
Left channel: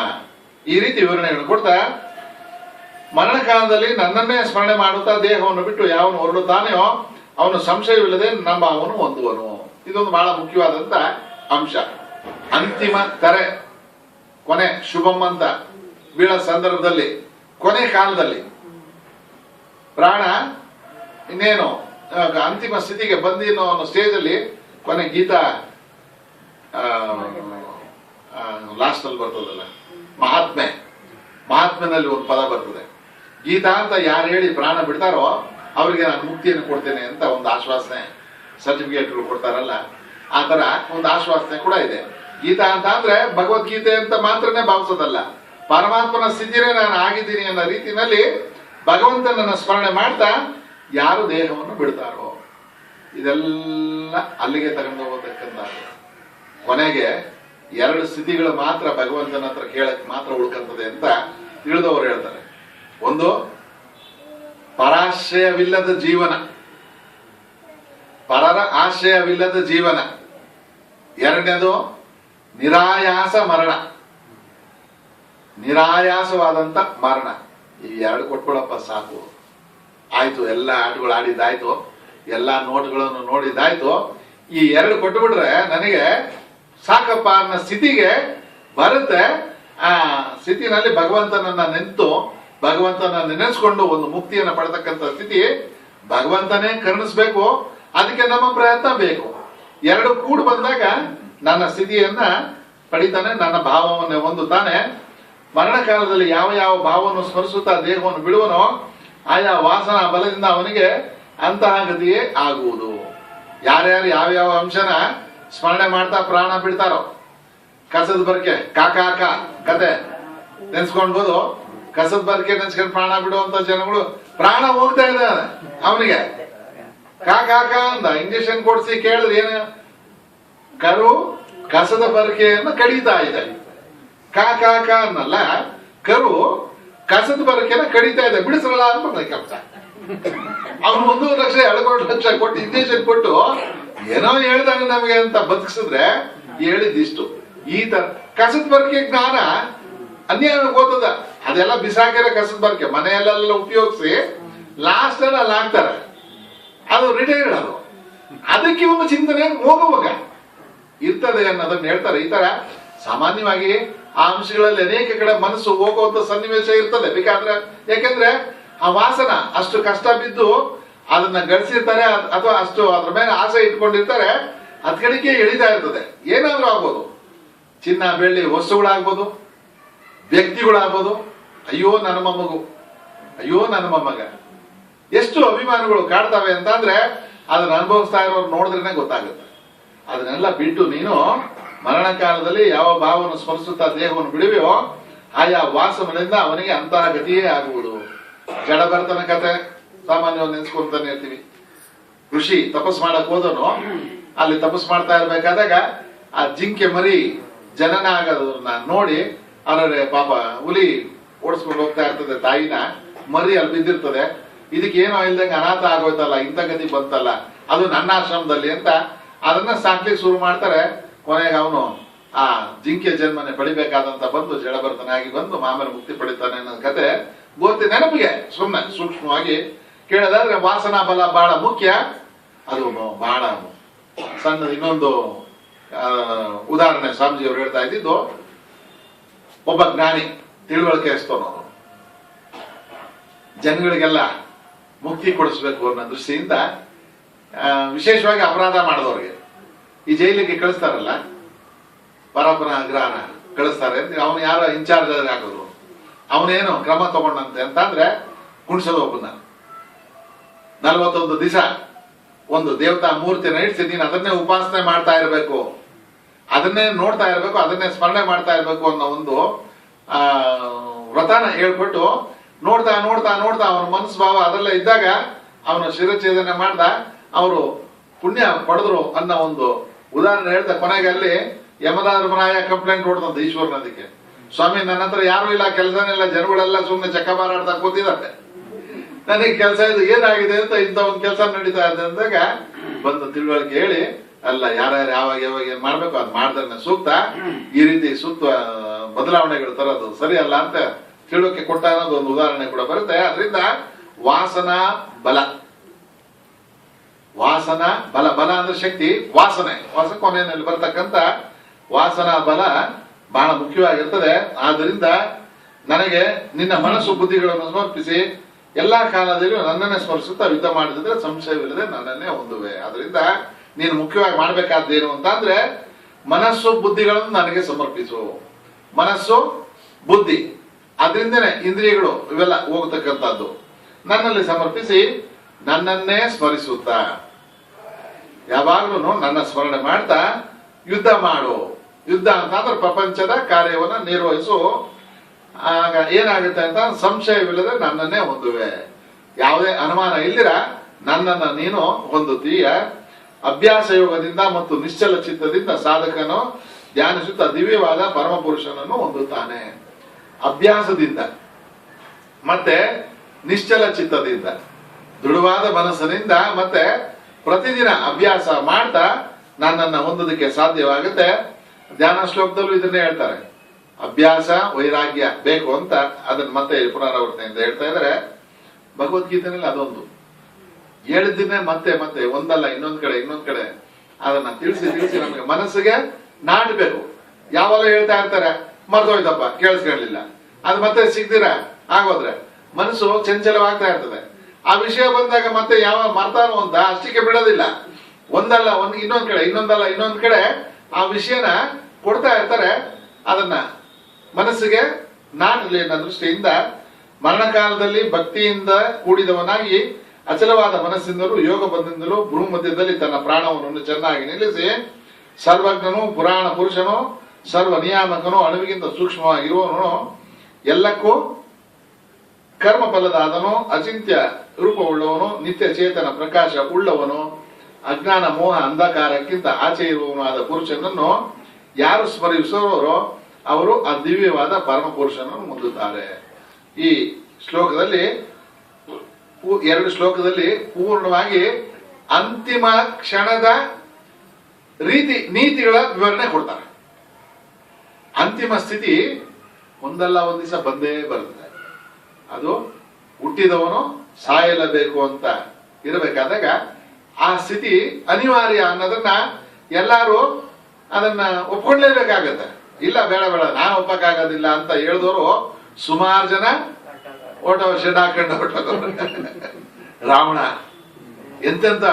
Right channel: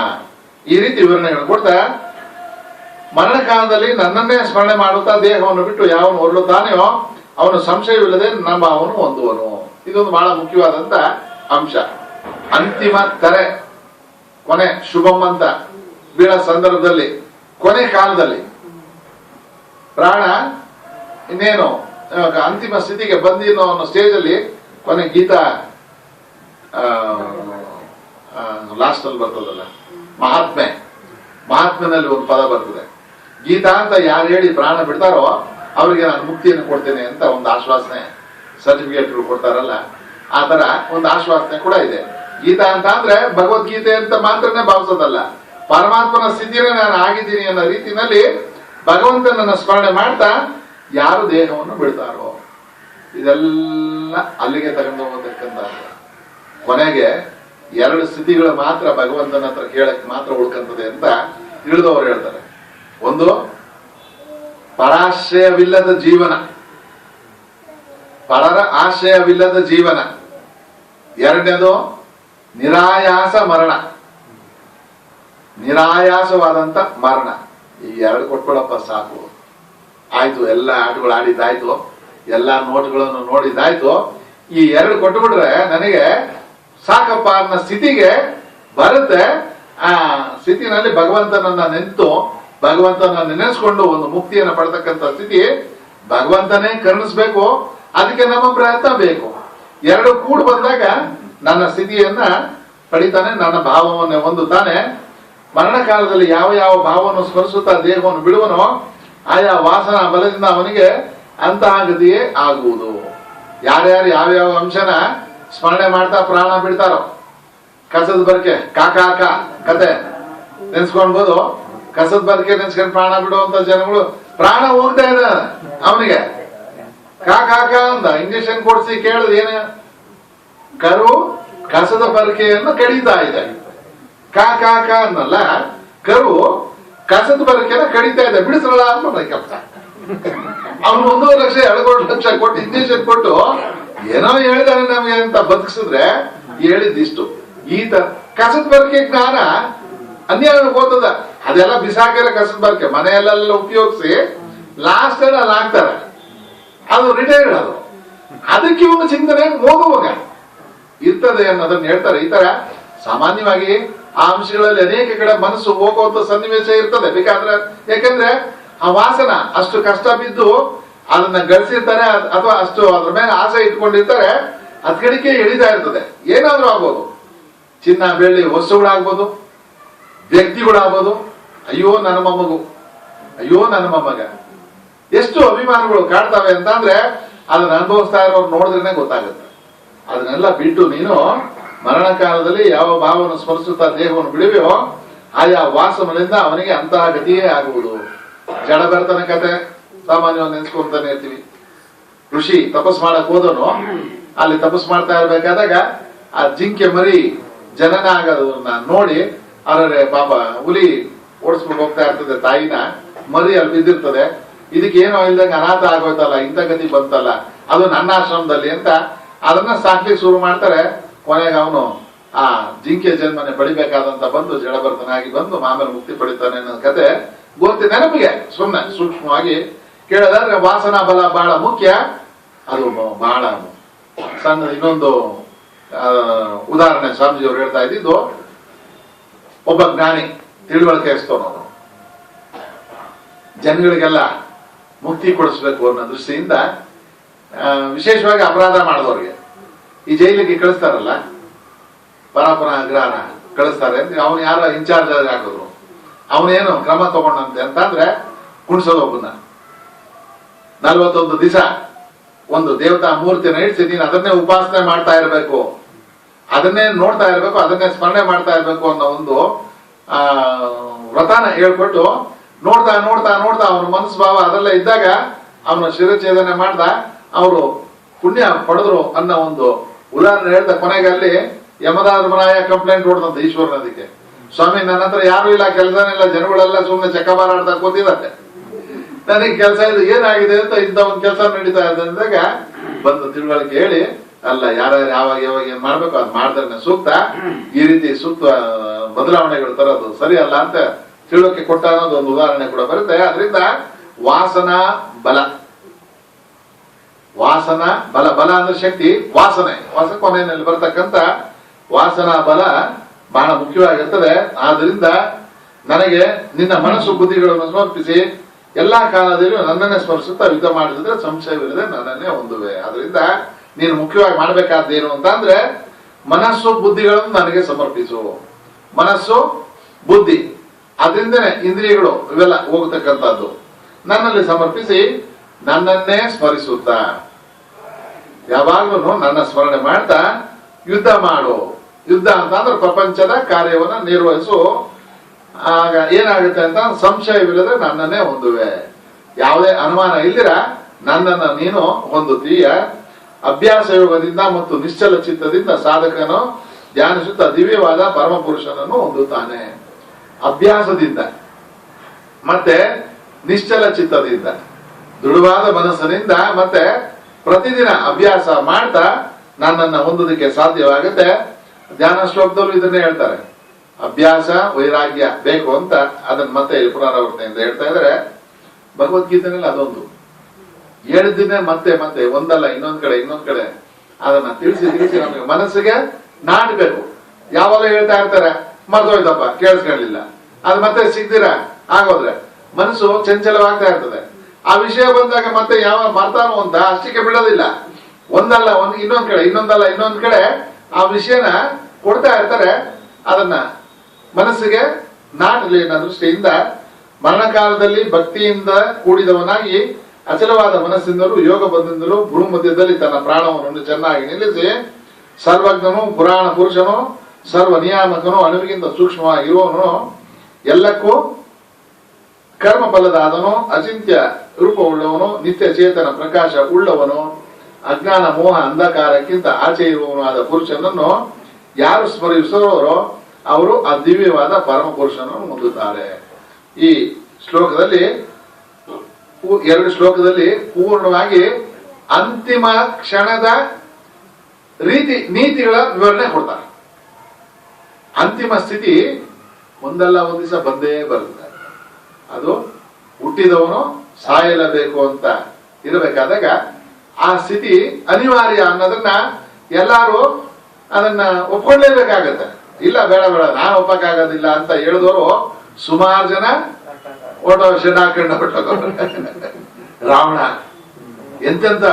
ಈ ರೀತಿ ವಿವರಣೆಗಳು ಕೊಡ್ತಾ ಮರಣಕಾಲದಲ್ಲಿ ನನ್ನನ್ನೇ ಸ್ಮರಣೆ ಮಾಡುತ್ತಾ ದೇಹವನ್ನು ಬಿಟ್ಟು ಯಾವನು ಹೊರಡುತ್ತಾನೆಯೋ ಅವನು ಸಂಶಯವಿಲ್ಲದೆ ನಮ್ಮ ಅವನು ಹೊಂದುವನು. ಇದೊಂದು ಬಹಳ ಮುಖ್ಯವಾದಂತ ಅಂಶ. ಅಂತಿಮ ಕರೆ, ಕೊನೆ ಶುಭಂ ಅಂತ ಬೀಳೋ ಸಂದರ್ಭದಲ್ಲಿ, ಕೊನೆ ಕಾಲದಲ್ಲಿ ಪ್ರಾಣ ಇನ್ನೇನು ಅಂತಿಮ ಸ್ಥಿತಿಗೆ ಬಂದಿನೋ ಅನ್ನೋ ಸ್ಟೇಜ್ ಅಲ್ಲಿ ಕೊನೆ ಗೀತಾ ಲಾಸ್ಟ್ ಅಲ್ಲಿ ಬರ್ತದಲ್ಲ, ಮಹಾತ್ಮೆನಲ್ಲಿ ಒಂದು ಪದ ಬರ್ತದೆ. ಗೀತಾ ಅಂತ ಯಾರು ಹೇಳಿ ಪ್ರಾಣ ಬಿಡ್ತಾರೋ ಅವರಿಗೆ ನಾನು ಮುಕ್ತಿಯನ್ನು ಕೊಡ್ತೇನೆ ಅಂತ ಒಂದು ಆಶ್ವಾಸನೆ ಸರ್ಟಿಫಿಕೇಟ್ಗಳು ಕೊಡ್ತಾರಲ್ಲ, ಆ ತರ ಒಂದು ಆಶ್ವಾಸನೆ ಕೂಡ ಇದೆ. ಗೀತಾ ಅಂತ ಅಂದ್ರೆ ಭಗವದ್ಗೀತೆ ಅಂತ ಮಾತ್ರನೇ ಭಾವಿಸೋದಲ್ಲ, ಪರಮಾತ್ಮನ ಸ್ಥಿತಿನೇ ನಾನು ಆಗಿದ್ದೀನಿ ಅನ್ನೋ ರೀತಿಯಲ್ಲಿ ಭಗವಂತನನ್ನ ಸ್ಮರಣೆ ಮಾಡ್ತಾ ಯಾರು ದೇಹವನ್ನು ಬಿಡ್ತಾರೋ ಇದೆಲ್ಲ ಅಲ್ಲಿಗೆ ತಗೊಂಡು ಹೋಗತಕ್ಕಂತ. ಕೊನೆಗೆ 2 ಸ್ಥಿತಿಗಳು ಮಾತ್ರ ಭಗವಂತನ ಹತ್ರ ಕೇಳಕ್ ಮಾತ್ರ ಉಳ್ಕಂತದೆ ಅಂತ ತಿಳಿದವರು ಹೇಳ್ತಾರೆ. ಒಂದು ಪರಾಶ್ರಯವಿಲ್ಲದ ಜೀವನ, ಪರರ ಆಶ್ರಯವಿಲ್ಲದ ಜೀವನ. 2ನೇದು ನಿರಾಯಾಸ ಮರಣ, ನಿರಾಯಾಸವಾದಂತ ಮರಣ. ಈ 2 ಕೊಟ್ಕೊಳಪ್ಪ ಸಾಕು, ಆಯ್ತು. ಎಲ್ಲ ಆಟಗಳು ಆಡಿದ್ದಾಯ್ತು, ಎಲ್ಲಾ ನೋಟ್ಗಳನ್ನು ನೋಡಿದ್ದಾಯ್ತು. ಈ 2 ಕೊಟ್ಟುಬಿಟ್ರೆ ನನಗೆ ಸಾಕಪ್ಪ ಅನ್ನೋ ಸ್ಥಿತಿಗೆ ಬರುತ್ತೆ. ಆ ಸ್ಥಿತಿನಲ್ಲಿ ಭಗವಂತನನ್ನ ನೆಂತು ಭಗವಂತನ ನೆನೆಸ್ಕೊಂಡು ಒಂದು ಮುಕ್ತಿಯನ್ನು ಪಡ್ತಕ್ಕಂಥ ಸ್ಥಿತಿ ಭಗವಂತನೇ ಕರುಣಿಸ್ಬೇಕು. ಅದಕ್ಕೆ ನಮ್ಮ ಪ್ರಯತ್ನ ಬೇಕು. 2 ಕೂಡಿ ಬಂದಾಗ ನನ್ನ ಸ್ಥಿತಿಯನ್ನ ಪಡಿತಾನೆ, ನನ್ನ ಭಾವವನ್ನು ಹೊಂದುತ್ತಾನೆ. ಮರಣ ಕಾಲದಲ್ಲಿ ಯಾವ ಯಾವ ಭಾವವನ್ನು ಸ್ಮರಿಸುತ್ತಾ ದೇಹವನ್ನು ಬಿಡುವನೋ ಆಯಾ ವಾಸನಾ ಬಲದಿಂದ ಅವನಿಗೆ ಅಂತಹ ಗತಿಯೇ ಆಗುವುದು. ಯಾರ್ಯಾರು ಯಾವ್ಯಾವ ಅಂಶನ ಸ್ಮರಣೆ ಮಾಡ್ತಾ ಪ್ರಾಣ ಬಿಡ್ತಾರೋ, ಕಸದ ಬರ್ಕೆ ಕಾಕಾಕ ಕತೆ ನೆನ್ಸ್ಕೊಂಡ್ಬೋದು. ಕಸದ ಬರ್ಕೆ ನೆನ್ಸ್ಕೊಂಡು ಪ್ರಾಣ ಬಿಡುವಂತ ಜನಗಳು ಪ್ರಾಣ ಹೋಗ್ತಾ ಇದೆ ಅವನಿಗೆ. ಕಾಕಾಕ ಅಂತ ಇಂಜೆಕ್ಷನ್ ಕೊಡಿಸಿ ಕೇಳಿದ್ರೆ ಏನು, ಕರು ಕಸದ ಬರ್ಕೆಯನ್ನು ಕಡಿತಾ ಇದೆ. ಕಾಕಾಕ ಅನ್ನಲ್ಲ, ಕರು ಕಸದ ಬರ್ಕೆನ ಕಡಿತಾ ಇದೆ, ಬಿಡಿಸಲ್ಲ ಅಂತ ಕೆಲಸ. ಅವನು 1.5 ಲಕ್ಷ 2 ಲಕ್ಷ ಕೊಟ್ಟು ಇಂಜೆಕ್ಷನ್ ಕೊಟ್ಟು ಏನೋ ಹೇಳಿದಾನೆ ನಮಗೆ ಅಂತ ಬದುಕಿಸಿದ್ರೆ ಹೇಳಿದ್ದಿಷ್ಟು. ಈ ತರ ಕಸದ ಬರ್ಕೆ ಜ್ಞಾನ ಅನ್ಯಾಯ ಓದದ, ಅದೆಲ್ಲ ಬಿಸಾಕಿರ ಕಸದ ಬರ್ಕೆ ಮನೆಯಲ್ಲೆಲ್ಲ ಉಪಯೋಗಿಸಿ ಲಾಸ್ಟ್ ಅಲ್ಲಿ ಹಾಕ್ತಾರೆ, ಅದು ರಿಟೈರ್ಡ್. ಅದು ಅದಕ್ಕೆ ಇವನು ಚಿಂತನೆ ಹೋಗುವಾಗ ಇರ್ತದೆ ಅನ್ನೋದನ್ನ ಹೇಳ್ತಾರೆ. ಈ ತರ ಸಾಮಾನ್ಯವಾಗಿ ಆ ಅಂಶಗಳಲ್ಲಿ ಅನೇಕ ಕಡೆ ಮನಸ್ಸು ಹೋಗುವಂತ ಸನ್ನಿವೇಶ ಇರ್ತದೆ. ಬೇಕಾದ್ರೆ ಯಾಕಂದ್ರೆ ಆ ವಾಸನ ಅಷ್ಟು ಕಷ್ಟ ಬಿದ್ದು ಅದನ್ನ ಗಳಿಸಿರ್ತಾರೆ, ಅಥವಾ ಅಷ್ಟು ಅದ್ರ ಮೇಲೆ ಆಸೆ ಇಟ್ಕೊಂಡಿರ್ತಾರೆ, ಅದ್ ಕಡೆಗೆ ಎಳಿತಾ ಇರ್ತದೆ. ಏನಾದ್ರೂ ಆಗ್ಬೋದು, ಚಿನ್ನ ಬೆಳ್ಳಿ ವಸ್ತುಗಳಾಗ್ಬೋದು, ವ್ಯಕ್ತಿಗಳಾಗ್ಬೋದು. ಅಯ್ಯೋ ನನ್ನ ಮೊಮ್ಮಗು, ಅಯ್ಯೋ ನನ್ನ ಮೊಮ್ಮಗ, ಎಷ್ಟು ಅಭಿಮಾನಗಳು ಕಾಡ್ತಾವೆ ಅಂತಂದ್ರೆ ಅದನ್ನ ಅನುಭವಿಸ್ತಾ ಇರೋರು ನೋಡಿದ್ರೇನೆ ಗೊತ್ತಾಗುತ್ತೆ. ಅದನ್ನೆಲ್ಲ ಬಿಟ್ಟು ನೀನು ಮರಣ ಕಾಲದಲ್ಲಿ ಯಾವ ಭಾವವನ್ನು ಸ್ಮರಿಸುತ್ತಾ ದೇಹವನ್ನು ಬಿಡುವೆಯೋ ಆಯಾ ವಾಸನೆಯಿಂದ ಅವನಿಗೆ ಅಂತಹ ಗತಿಯೇ ಆಗುವುದು. ಜಡಭರತನ ಕತೆ ಸಾಮಾನ್ಯವಾಗಿ ನೆನ್ಸ್ಕೊಂತಾನೆ ಇರ್ತೀವಿ. ಋಷಿ ತಪಸ್ ಮಾಡಕ್ ಹೋದನು, ಅಲ್ಲಿ ತಪಸ್ ಮಾಡ್ತಾ ಇರ್ಬೇಕಾದಾಗ ಆ ಜಿಂಕೆ ಮರಿ ಜನನ ಆಗೋದನ್ನ ನೋಡಿ ಅವರೇ ಪಾಪ ಹುಲಿ ಓಡಿಸ್ಕೊಂಡು ಹೋಗ್ತಾ ಇರ್ತದೆ ತಾಯಿನ, ಮರಿ ಅಲ್ಲಿ ಬಿದ್ದಿರ್ತದೆ. ಇದಕ್ಕೆ ಏನೋ ಇಲ್ದಂಗೆ ಅನಾಥ ಆಗೋಯ್ತಲ್ಲ, ಇಂಥ ಗತಿ ಬಂತಲ್ಲ, ಅದು ನನ್ನ ಆಶ್ರಮದಲ್ಲಿ ಅಂತ ಅದನ್ನ ಸಾಕ್ಲಿಕ್ಕೆ ಶುರು ಮಾಡ್ತಾರೆ. ಕೊನೆಗೆ ಅವನು ಆ ಜಿಂಕೆ ಜನ್ಮನೆ ಪಡಿಬೇಕಾದಂತ ಬಂದು ಜಡಭರತನಾಗಿ ಬಂದು ಆಮೇಲೆ ಮುಕ್ತಿ ಪಡಿತಾನೆ ಅನ್ನೋ ಕತೆ ಗೊತ್ತಿ ನೆನಪಿಗೆ ಸುಮ್ಮನೆ ಸೂಕ್ಷ್ಮವಾಗಿ ಕೇಳಿದ್ರೆ ವಾಸನಾ ಬಲ ಬಹಳ ಮುಖ್ಯ. ಅದು ಬಹಳ ಸಣ್ಣ ಇನ್ನೊಂದು ಉದಾಹರಣೆ ಸ್ವಾಮೀಜಿ ಅವರು ಹೇಳ್ತಾ ಇದ್ದಿದ್ದು, ಒಬ್ಬ ಜ್ಞಾನಿ ತಿಳುವಳಿಕೆ ಇಸ್ತವನು ಜನಗಳಿಗೆಲ್ಲ ಮುಕ್ತಿ ಕೊಡಿಸ್ಬೇಕು ಅನ್ನೋ ದೃಷ್ಟಿಯಿಂದ ವಿಶೇಷವಾಗಿ ಅಪರಾಧ ಮಾಡಿದವ್ರಿಗೆ ಈ ಜೈಲಿಗೆ ಕಳಿಸ್ತಾರಲ್ಲ, ಪರಾಪರ ಗ್ರಹಣ ಕಳಿಸ್ತಾರೆ ಅಂತ ಅವನು ಯಾರೋ ಇನ್ಚಾರ್ಜ್ ಹಾಕಿದ್ರು. ಅವನೇನು ಕ್ರಮ ತಗೊಂಡಂತೆ ಅಂತಂದ್ರೆ ಕುಣಿಸೋದು ಒಬ್ಬನ 41 ದಿವಸ ಒಂದು ದೇವತಾ ಮೂರ್ತಿನ ಇಡ್ಸಿ ನೀನು ಅದನ್ನೇ ಉಪಾಸನೆ ಮಾಡ್ತಾ ಇರಬೇಕು, ಅದನ್ನೇ ನೋಡ್ತಾ ಇರಬೇಕು, ಅದನ್ನೇ ಸ್ಮರಣೆ ಮಾಡ್ತಾ ಇರಬೇಕು ಅನ್ನೋ ಒಂದು ವ್ರತನ ಹೇಳ್ಕೊಟ್ಟು ನೋಡ್ತಾ ನೋಡ್ತಾ ನೋಡ್ತಾ ಅವನ ಮನಸ್ಸು ಭಾವ ಅದೆಲ್ಲ ಇದ್ದಾಗ ಅವನ ಶಿರಛೇದನೆ ಮಾಡ್ದ, ಅವರು ಪುಣ್ಯ ಪಡೆದ್ರು ಅನ್ನೋ ಒಂದು ಉದಾಹರಣೆ ಹೇಳ್ದ. ಕೊನೆಗೆ ಅಲ್ಲಿ ಯಮಧರ್ಮರಾಯ ಕಂಪ್ಲೇಂಟ್ ಹೊಡೆದಂತ ಈಶ್ವರನ. ಅದಕ್ಕೆ ಸ್ವಾಮಿ ನನ್ನ ಹತ್ರ ಯಾರು ಇಲ್ಲ, ಕೆಲಸನಿಲ್ಲ, ಜನಗಳೆಲ್ಲ ಸುಮ್ಮನೆ ಚಕ್ಕಬಾರಾಡ್ತಾ ಕೂತಿದ್ದಾರೆ, ನನಗೆ ಕೆಲಸ ಇದು ಏನಾಗಿದೆ ಅಂತ ಇಂಥ ಒಂದು ಕೆಲಸ ನಡೀತಾ ಇದೆ ಅಂದಾಗ ಬಂದು ತಿಳುವಳಿಕೆ ಹೇಳಿ, ಅಲ್ಲ ಯಾರ್ಯಾರು ಯಾವಾಗ ಯಾವಾಗ ಏನ್ ಮಾಡ್ಬೇಕು ಅದ್ ಮಾಡಿದ್ರೆ ಸೂಕ್ತ, ಈ ರೀತಿ ಸೂಕ್ತ ಬದಲಾವಣೆಗಳು ತರೋದು ಸರಿ ಅಲ್ಲ ಅಂತ ತಿಳುವಳಿಕೆ ಕೊಟ್ಟ ಅನ್ನೋದು ಒಂದು ಉದಾಹರಣೆ ಕೂಡ ಬರುತ್ತೆ. ಅದರಿಂದ ವಾಸನಾ ಬಲ, ವಾಸನ ಬಲ, ಬಲ ಅಂದ್ರೆ ಶಕ್ತಿ, ವಾಸನೆ ಕೊನೆಯಲ್ಲಿ ಬರತಕ್ಕಂತ ವಾಸನಾ ಬಲ ಬಹಳ ಮುಖ್ಯವಾಗಿರ್ತದೆ. ಆದ್ರಿಂದ ನನಗೆ ನಿನ್ನ ಮನಸ್ಸು ಬುದ್ಧಿಗಳನ್ನು ಸಮರ್ಪಿಸಿ ಎಲ್ಲಾ ಕಾಲದಲ್ಲೂ ನನ್ನನ್ನೇ ಸ್ಮರಿಸುತ್ತಾ ಯುದ್ಧ ಮಾಡಿದ್ರೆ ಸಂಶಯವಿಲ್ಲದೆ ನನ್ನನ್ನೇ ಹೊಂದುವೆ. ಅದರಿಂದ ನೀನು ಮುಖ್ಯವಾಗಿ ಮಾಡ್ಬೇಕಾದ್ದೇನು ಅಂತ ಅಂದ್ರೆ ಮನಸ್ಸು ಬುದ್ಧಿಗಳನ್ನು ನನಗೆ ಸಮರ್ಪಿಸು. ಮನಸ್ಸು ಬುದ್ಧಿ ಅದರಿಂದನೇ ಇಂದ್ರಿಯಗಳು ಇವೆಲ್ಲ ಹೋಗತಕ್ಕಂಥದ್ದು. ನನ್ನಲ್ಲಿ ಸಮರ್ಪಿಸಿ ನನ್ನನ್ನೇ ಸ್ಮರಿಸುತ್ತಾ ಯಾವಾಗ್ಲೂ ನನ್ನ ಸ್ಮರಣೆ ಮಾಡ್ತಾ ಯುದ್ಧ ಮಾಡು. ಯುದ್ಧ ಅಂತ ಅಂದ್ರೆ ಪ್ರಪಂಚದ ಕಾರ್ಯವನ್ನ ನಿರ್ವಹಿಸು. ಆಗ ಏನಾಗುತ್ತೆ ಅಂತ ಸಂಶಯವಿಲ್ಲದೆ ನನ್ನನ್ನೇ ಹೊಂದುವೆ. ಯಾವುದೇ ಅನುಮಾನ ಇಲ್ಲಿರ ನನ್ನನ್ನ ನೀನು ಹೊಂದುತ್ತೀಯ. ಅಭ್ಯಾಸ ಯೋಗದಿಂದ ಮತ್ತು ನಿಶ್ಚಲ ಚಿತ್ತದಿಂದ ಸಾಧಕನು ಧ್ಯಾನಿಸುತ್ತಾ ದಿವ್ಯವಾದ ಪರಮ ಪುರುಷನನ್ನು ಹೊಂದುತ್ತಾನೆ. ಅಭ್ಯಾಸದಿಂದ ಮತ್ತೆ ನಿಶ್ಚಲ ಚಿತ್ತದಿಂದ, ದೃಢವಾದ ಮನಸ್ಸಿನಿಂದ ಮತ್ತೆ ಪ್ರತಿದಿನ ಅಭ್ಯಾಸ ಮಾಡ್ತಾ ನನ್ನನ್ನ ಹೊಂದೋದಕ್ಕೆ ಸಾಧ್ಯವಾಗುತ್ತೆ. ಧ್ಯಾನ ಶ್ಲೋಕದಲ್ಲೂ ಇದನ್ನೇ ಹೇಳ್ತಾರೆ, ಅಭ್ಯಾಸ ವೈರಾಗ್ಯ ಬೇಕು ಅಂತ. ಅದನ್ನ ಮತ್ತೆ ಪುನರಾವರ್ತನೆಯಿಂದ ಹೇಳ್ತಾ ಇದ್ದಾರೆ. ಭಗವದ್ಗೀತೆನಲ್ಲಿ ಅದೊಂದು ಹೇಳಿದ್ದನ್ನೇ ಮತ್ತೆ ಮತ್ತೆ ಒಂದಲ್ಲ ಇನ್ನೊಂದ್ ಕಡೆ ಅದನ್ನ ತಿಳಿಸಿ ನಮಗೆ ಮನಸ್ಸಿಗೆ ನಾಟಬೇಕು. ಯಾವಾಗ ಹೇಳ್ತಾ ಇರ್ತಾರೆ ಮರ್ತೋಯ್ತಪ್ಪ ಕೇಳಿಸ್ಕೊಳ್ಳಿಲ್ಲ, ಅದು ಮತ್ತೆ ಸಿಗ್ದಿರ ಆಗೋದ್ರೆ ಮನಸ್ಸು ಚಂಚಲವಾಗ್ತಾ ಇರ್ತದೆ. ಆ ವಿಷಯ ಬಂದಾಗ ಮತ್ತೆ ಯಾವ ಮರ್ತಾನೋ ಅಂತ ಅಷ್ಟಕ್ಕೆ ಬಿಡೋದಿಲ್ಲ. ಒಂದಲ್ಲ ಇನ್ನೊಂದ್ ಕಡೆ ಆ ವಿಷಯನ ಕೊಡ್ತಾ ಇರ್ತಾರೆ. ಅದನ್ನ ಮನಸ್ಸಿಗೆ ನಾಟಲಿ ಅನ್ನೋ ದೃಷ್ಟಿಯಿಂದ ಮರಣಕಾಲದಲ್ಲಿ ಭಕ್ತಿಯಿಂದ ಕೂಡಿದವನಾಗಿ ಅಚಲವಾದ ಮನಸ್ಸಿಂದಲೂ ಯೋಗ ಬಂದಿಂದಲೂ ಭ್ರೂ ಮಧ್ಯದಲ್ಲಿ ತನ್ನ ಪ್ರಾಣವನ್ನು ಚೆನ್ನಾಗಿ ನಿಲ್ಲಿಸಿ ಸರ್ವಜ್ಞನು ಪುರಾಣ ಪುರುಷನು ಸರ್ವ ನಿಯಾಮಕನು ಅಣುವಿಗಿಂತ ಸೂಕ್ಷ್ಮವಾಗಿರುವವನು ಎಲ್ಲಕ್ಕೂ ಕರ್ಮ ಫಲದಾದನು ಅಚಿಂತ್ಯ ರೂಪವುಳ್ಳವನು ನಿತ್ಯ ಚೇತನ ಪ್ರಕಾಶ ಉಳ್ಳವನು ಅಜ್ಞಾನ ಮೋಹ ಅಂಧಕಾರಕ್ಕಿಂತ ಆಚೆ ಇರುವವನು ಆದ ಪುರುಷನನ್ನು ಯಾರು ಸ್ಮರಿಸುವವರೋ ಅವರು ಆ ದಿವ್ಯವಾದ ಪರಮ ಪುರುಷನನ್ನು ಹೊಂದುತ್ತಾರೆ. ಈ ಶ್ಲೋಕದಲ್ಲಿ 2 ಶ್ಲೋಕದಲ್ಲಿ ಪೂರ್ಣವಾಗಿ ಅಂತಿಮ ಕ್ಷಣದ ನೀತಿಗಳ ವಿವರಣೆ ಕೊಡ್ತಾರೆ. ಅಂತಿಮ ಸ್ಥಿತಿ ಒಂದಲ್ಲ ಒಂದ್ ದಿವಸ ಬಂದೇ ಬರುತ್ತೆ. ಅದು ಹುಟ್ಟಿದವನು ಸಾಯಲೇಬೇಕು ಅಂತ ಇರಬೇಕಾದಾಗ ಆ ಸ್ಥಿತಿ ಅನಿವಾರ್ಯ ಅನ್ನೋದನ್ನ ಎಲ್ಲಾರು ಅದನ್ನ ಒಪ್ಕೊಳ್ಳೇಬೇಕಾಗತ್ತೆ. ಇಲ್ಲ ಬೇಡ ನಾನು ಒಪ್ಪಕ್ಕಾಗೋದಿಲ್ಲ ಅಂತ ಹೇಳಿದವರು ಸುಮಾರು ಜನ ಶೆಡ್ ಹಾಕೊಂಡ ರಾವಣ ಎಂತೆಂತ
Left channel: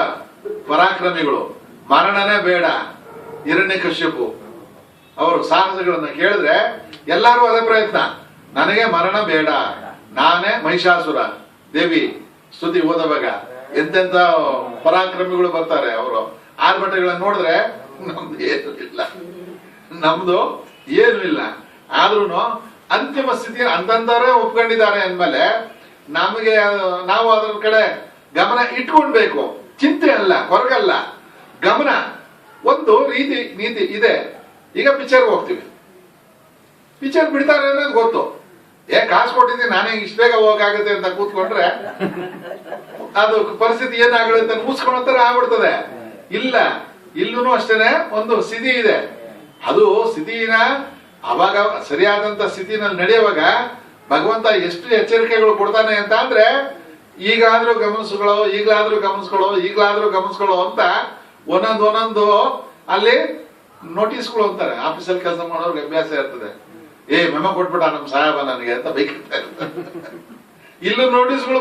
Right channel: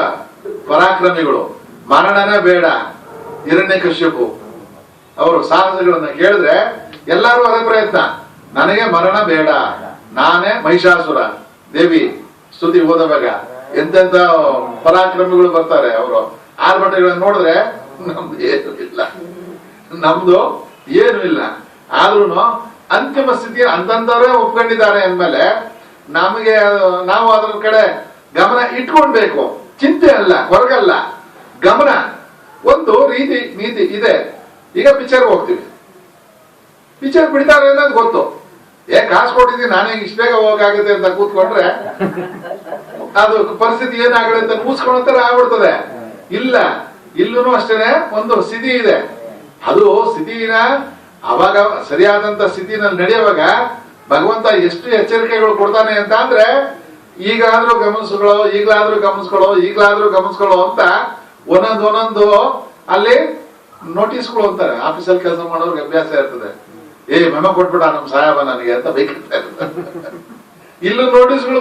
ಪರಾಕ್ರಮಿಗಳು. ಮರಣನೇ ಬೇಡ ಹಿರಣ್ಯಕಶ್ಯಪು ಅವರು ಸಾಹಸಗಳನ್ನ ಕೇಳಿದ್ರೆ ಎಲ್ಲಾರು ಅದೇ ಪ್ರಯತ್ನ, ನನಗೆ ಮರಣ ಬೇಡ, ನಾನೇ ಮಹಿಷಾಸುರ ದೇವಿ ಸ್ತುತಿ ಓದವಾಗ ಎಂತೆಂತ ಪರಾಕ್ರಮಿಗಳು ಬರ್ತಾರೆ. ಅವರು ಆರ್ಭಟಗಳನ್ನ ನೋಡಿದ್ರೆ ನಮ್ದು ಏನು ಇಲ್ಲ ಆದ್ರೂ ಅಂತಿಮ ಸ್ಥಿತಿ ಅಂತಂದವರೇ ಒಪ್ಕೊಂಡಿದ್ದಾರೆ ಅಂದ್ಮೇಲೆ ನಮಗೆ ನಾವು ಅದ್ರ ಕಡೆ ಗಮನ ಇಟ್ಕೊಳ್ಬೇಕು. ಚಿಂತೆ ಅಲ್ಲ, ಹೊರಗಲ್ಲ, ಗಮನ. ಒಂದು ನೀತಿ ಇದೆ. ಈಗ ಪಿಕ್ಚರ್ ಹೋಗ್ತೀವಿ, ಪಿಕ್ಚರ್ ಬಿಡ್ತಾರೆ ಅನ್ನೋದು ಗೊತ್ತು. ಕಾಸು ಕೊಟ್ಟಿದ್ದೀನಿ ನಾನೇ ಇಷ್ಟ ಬೇಗ ಹೋಗಕ್ಕಾಗುತ್ತೆ ಅಂತ ಕೂತ್ಕೊಂಡ್ರೆ ಅದು ಪರಿಸ್ಥಿತಿ ಏನಾಗುತ್ತೆ ಅಂತ ಮುಗಿಸ್ಕೊಂಡ್ರೆ ಆಗ್ಬಿಡ್ತದೆ. ಇಲ್ಲ, ಇಲ್ಲೂ ಅಷ್ಟೇನೆ ಒಂದು ಸ್ಥಿತಿ ಇದೆ. ಅದು ಸ್ಥಿತಿನ ಅವಾಗ ಸರಿಯಾದಂತ ಸ್ಥಿತಿನಲ್ಲಿ ನಡೆಯುವಾಗ ಭಗವಂತ ಎಷ್ಟು ಎಚ್ಚರಿಕೆಗಳು ಕೊಡ್ತಾನೆ ಅಂತ ಅಂದ್ರೆ ಈಗಲಾದ್ರೂ ಗಮನಿಸ್ಕೊಳ್ಳೋ ಅಂತ ಒಂದೊಂದು ಅಲ್ಲಿ ನೋಟಿಸ್ಗಳು ಅಂತಾರೆ. ಆಫೀಸಲ್ಲಿ ಕೆಲಸ ಮಾಡೋರ್ಗೆ ಅಭ್ಯಾಸ ಇರ್ತದೆ, ಮೆಮೊ ಕೊಟ್ಬಿಟ್ಟ ನಮ್ ಸಾಹೇಬ ನನಗೆ ಅಂತ ಬೈಕಿರ್ತಾರೆ. ಇಲ್ಲೂ ನೋಟಿಸ್ಗಳು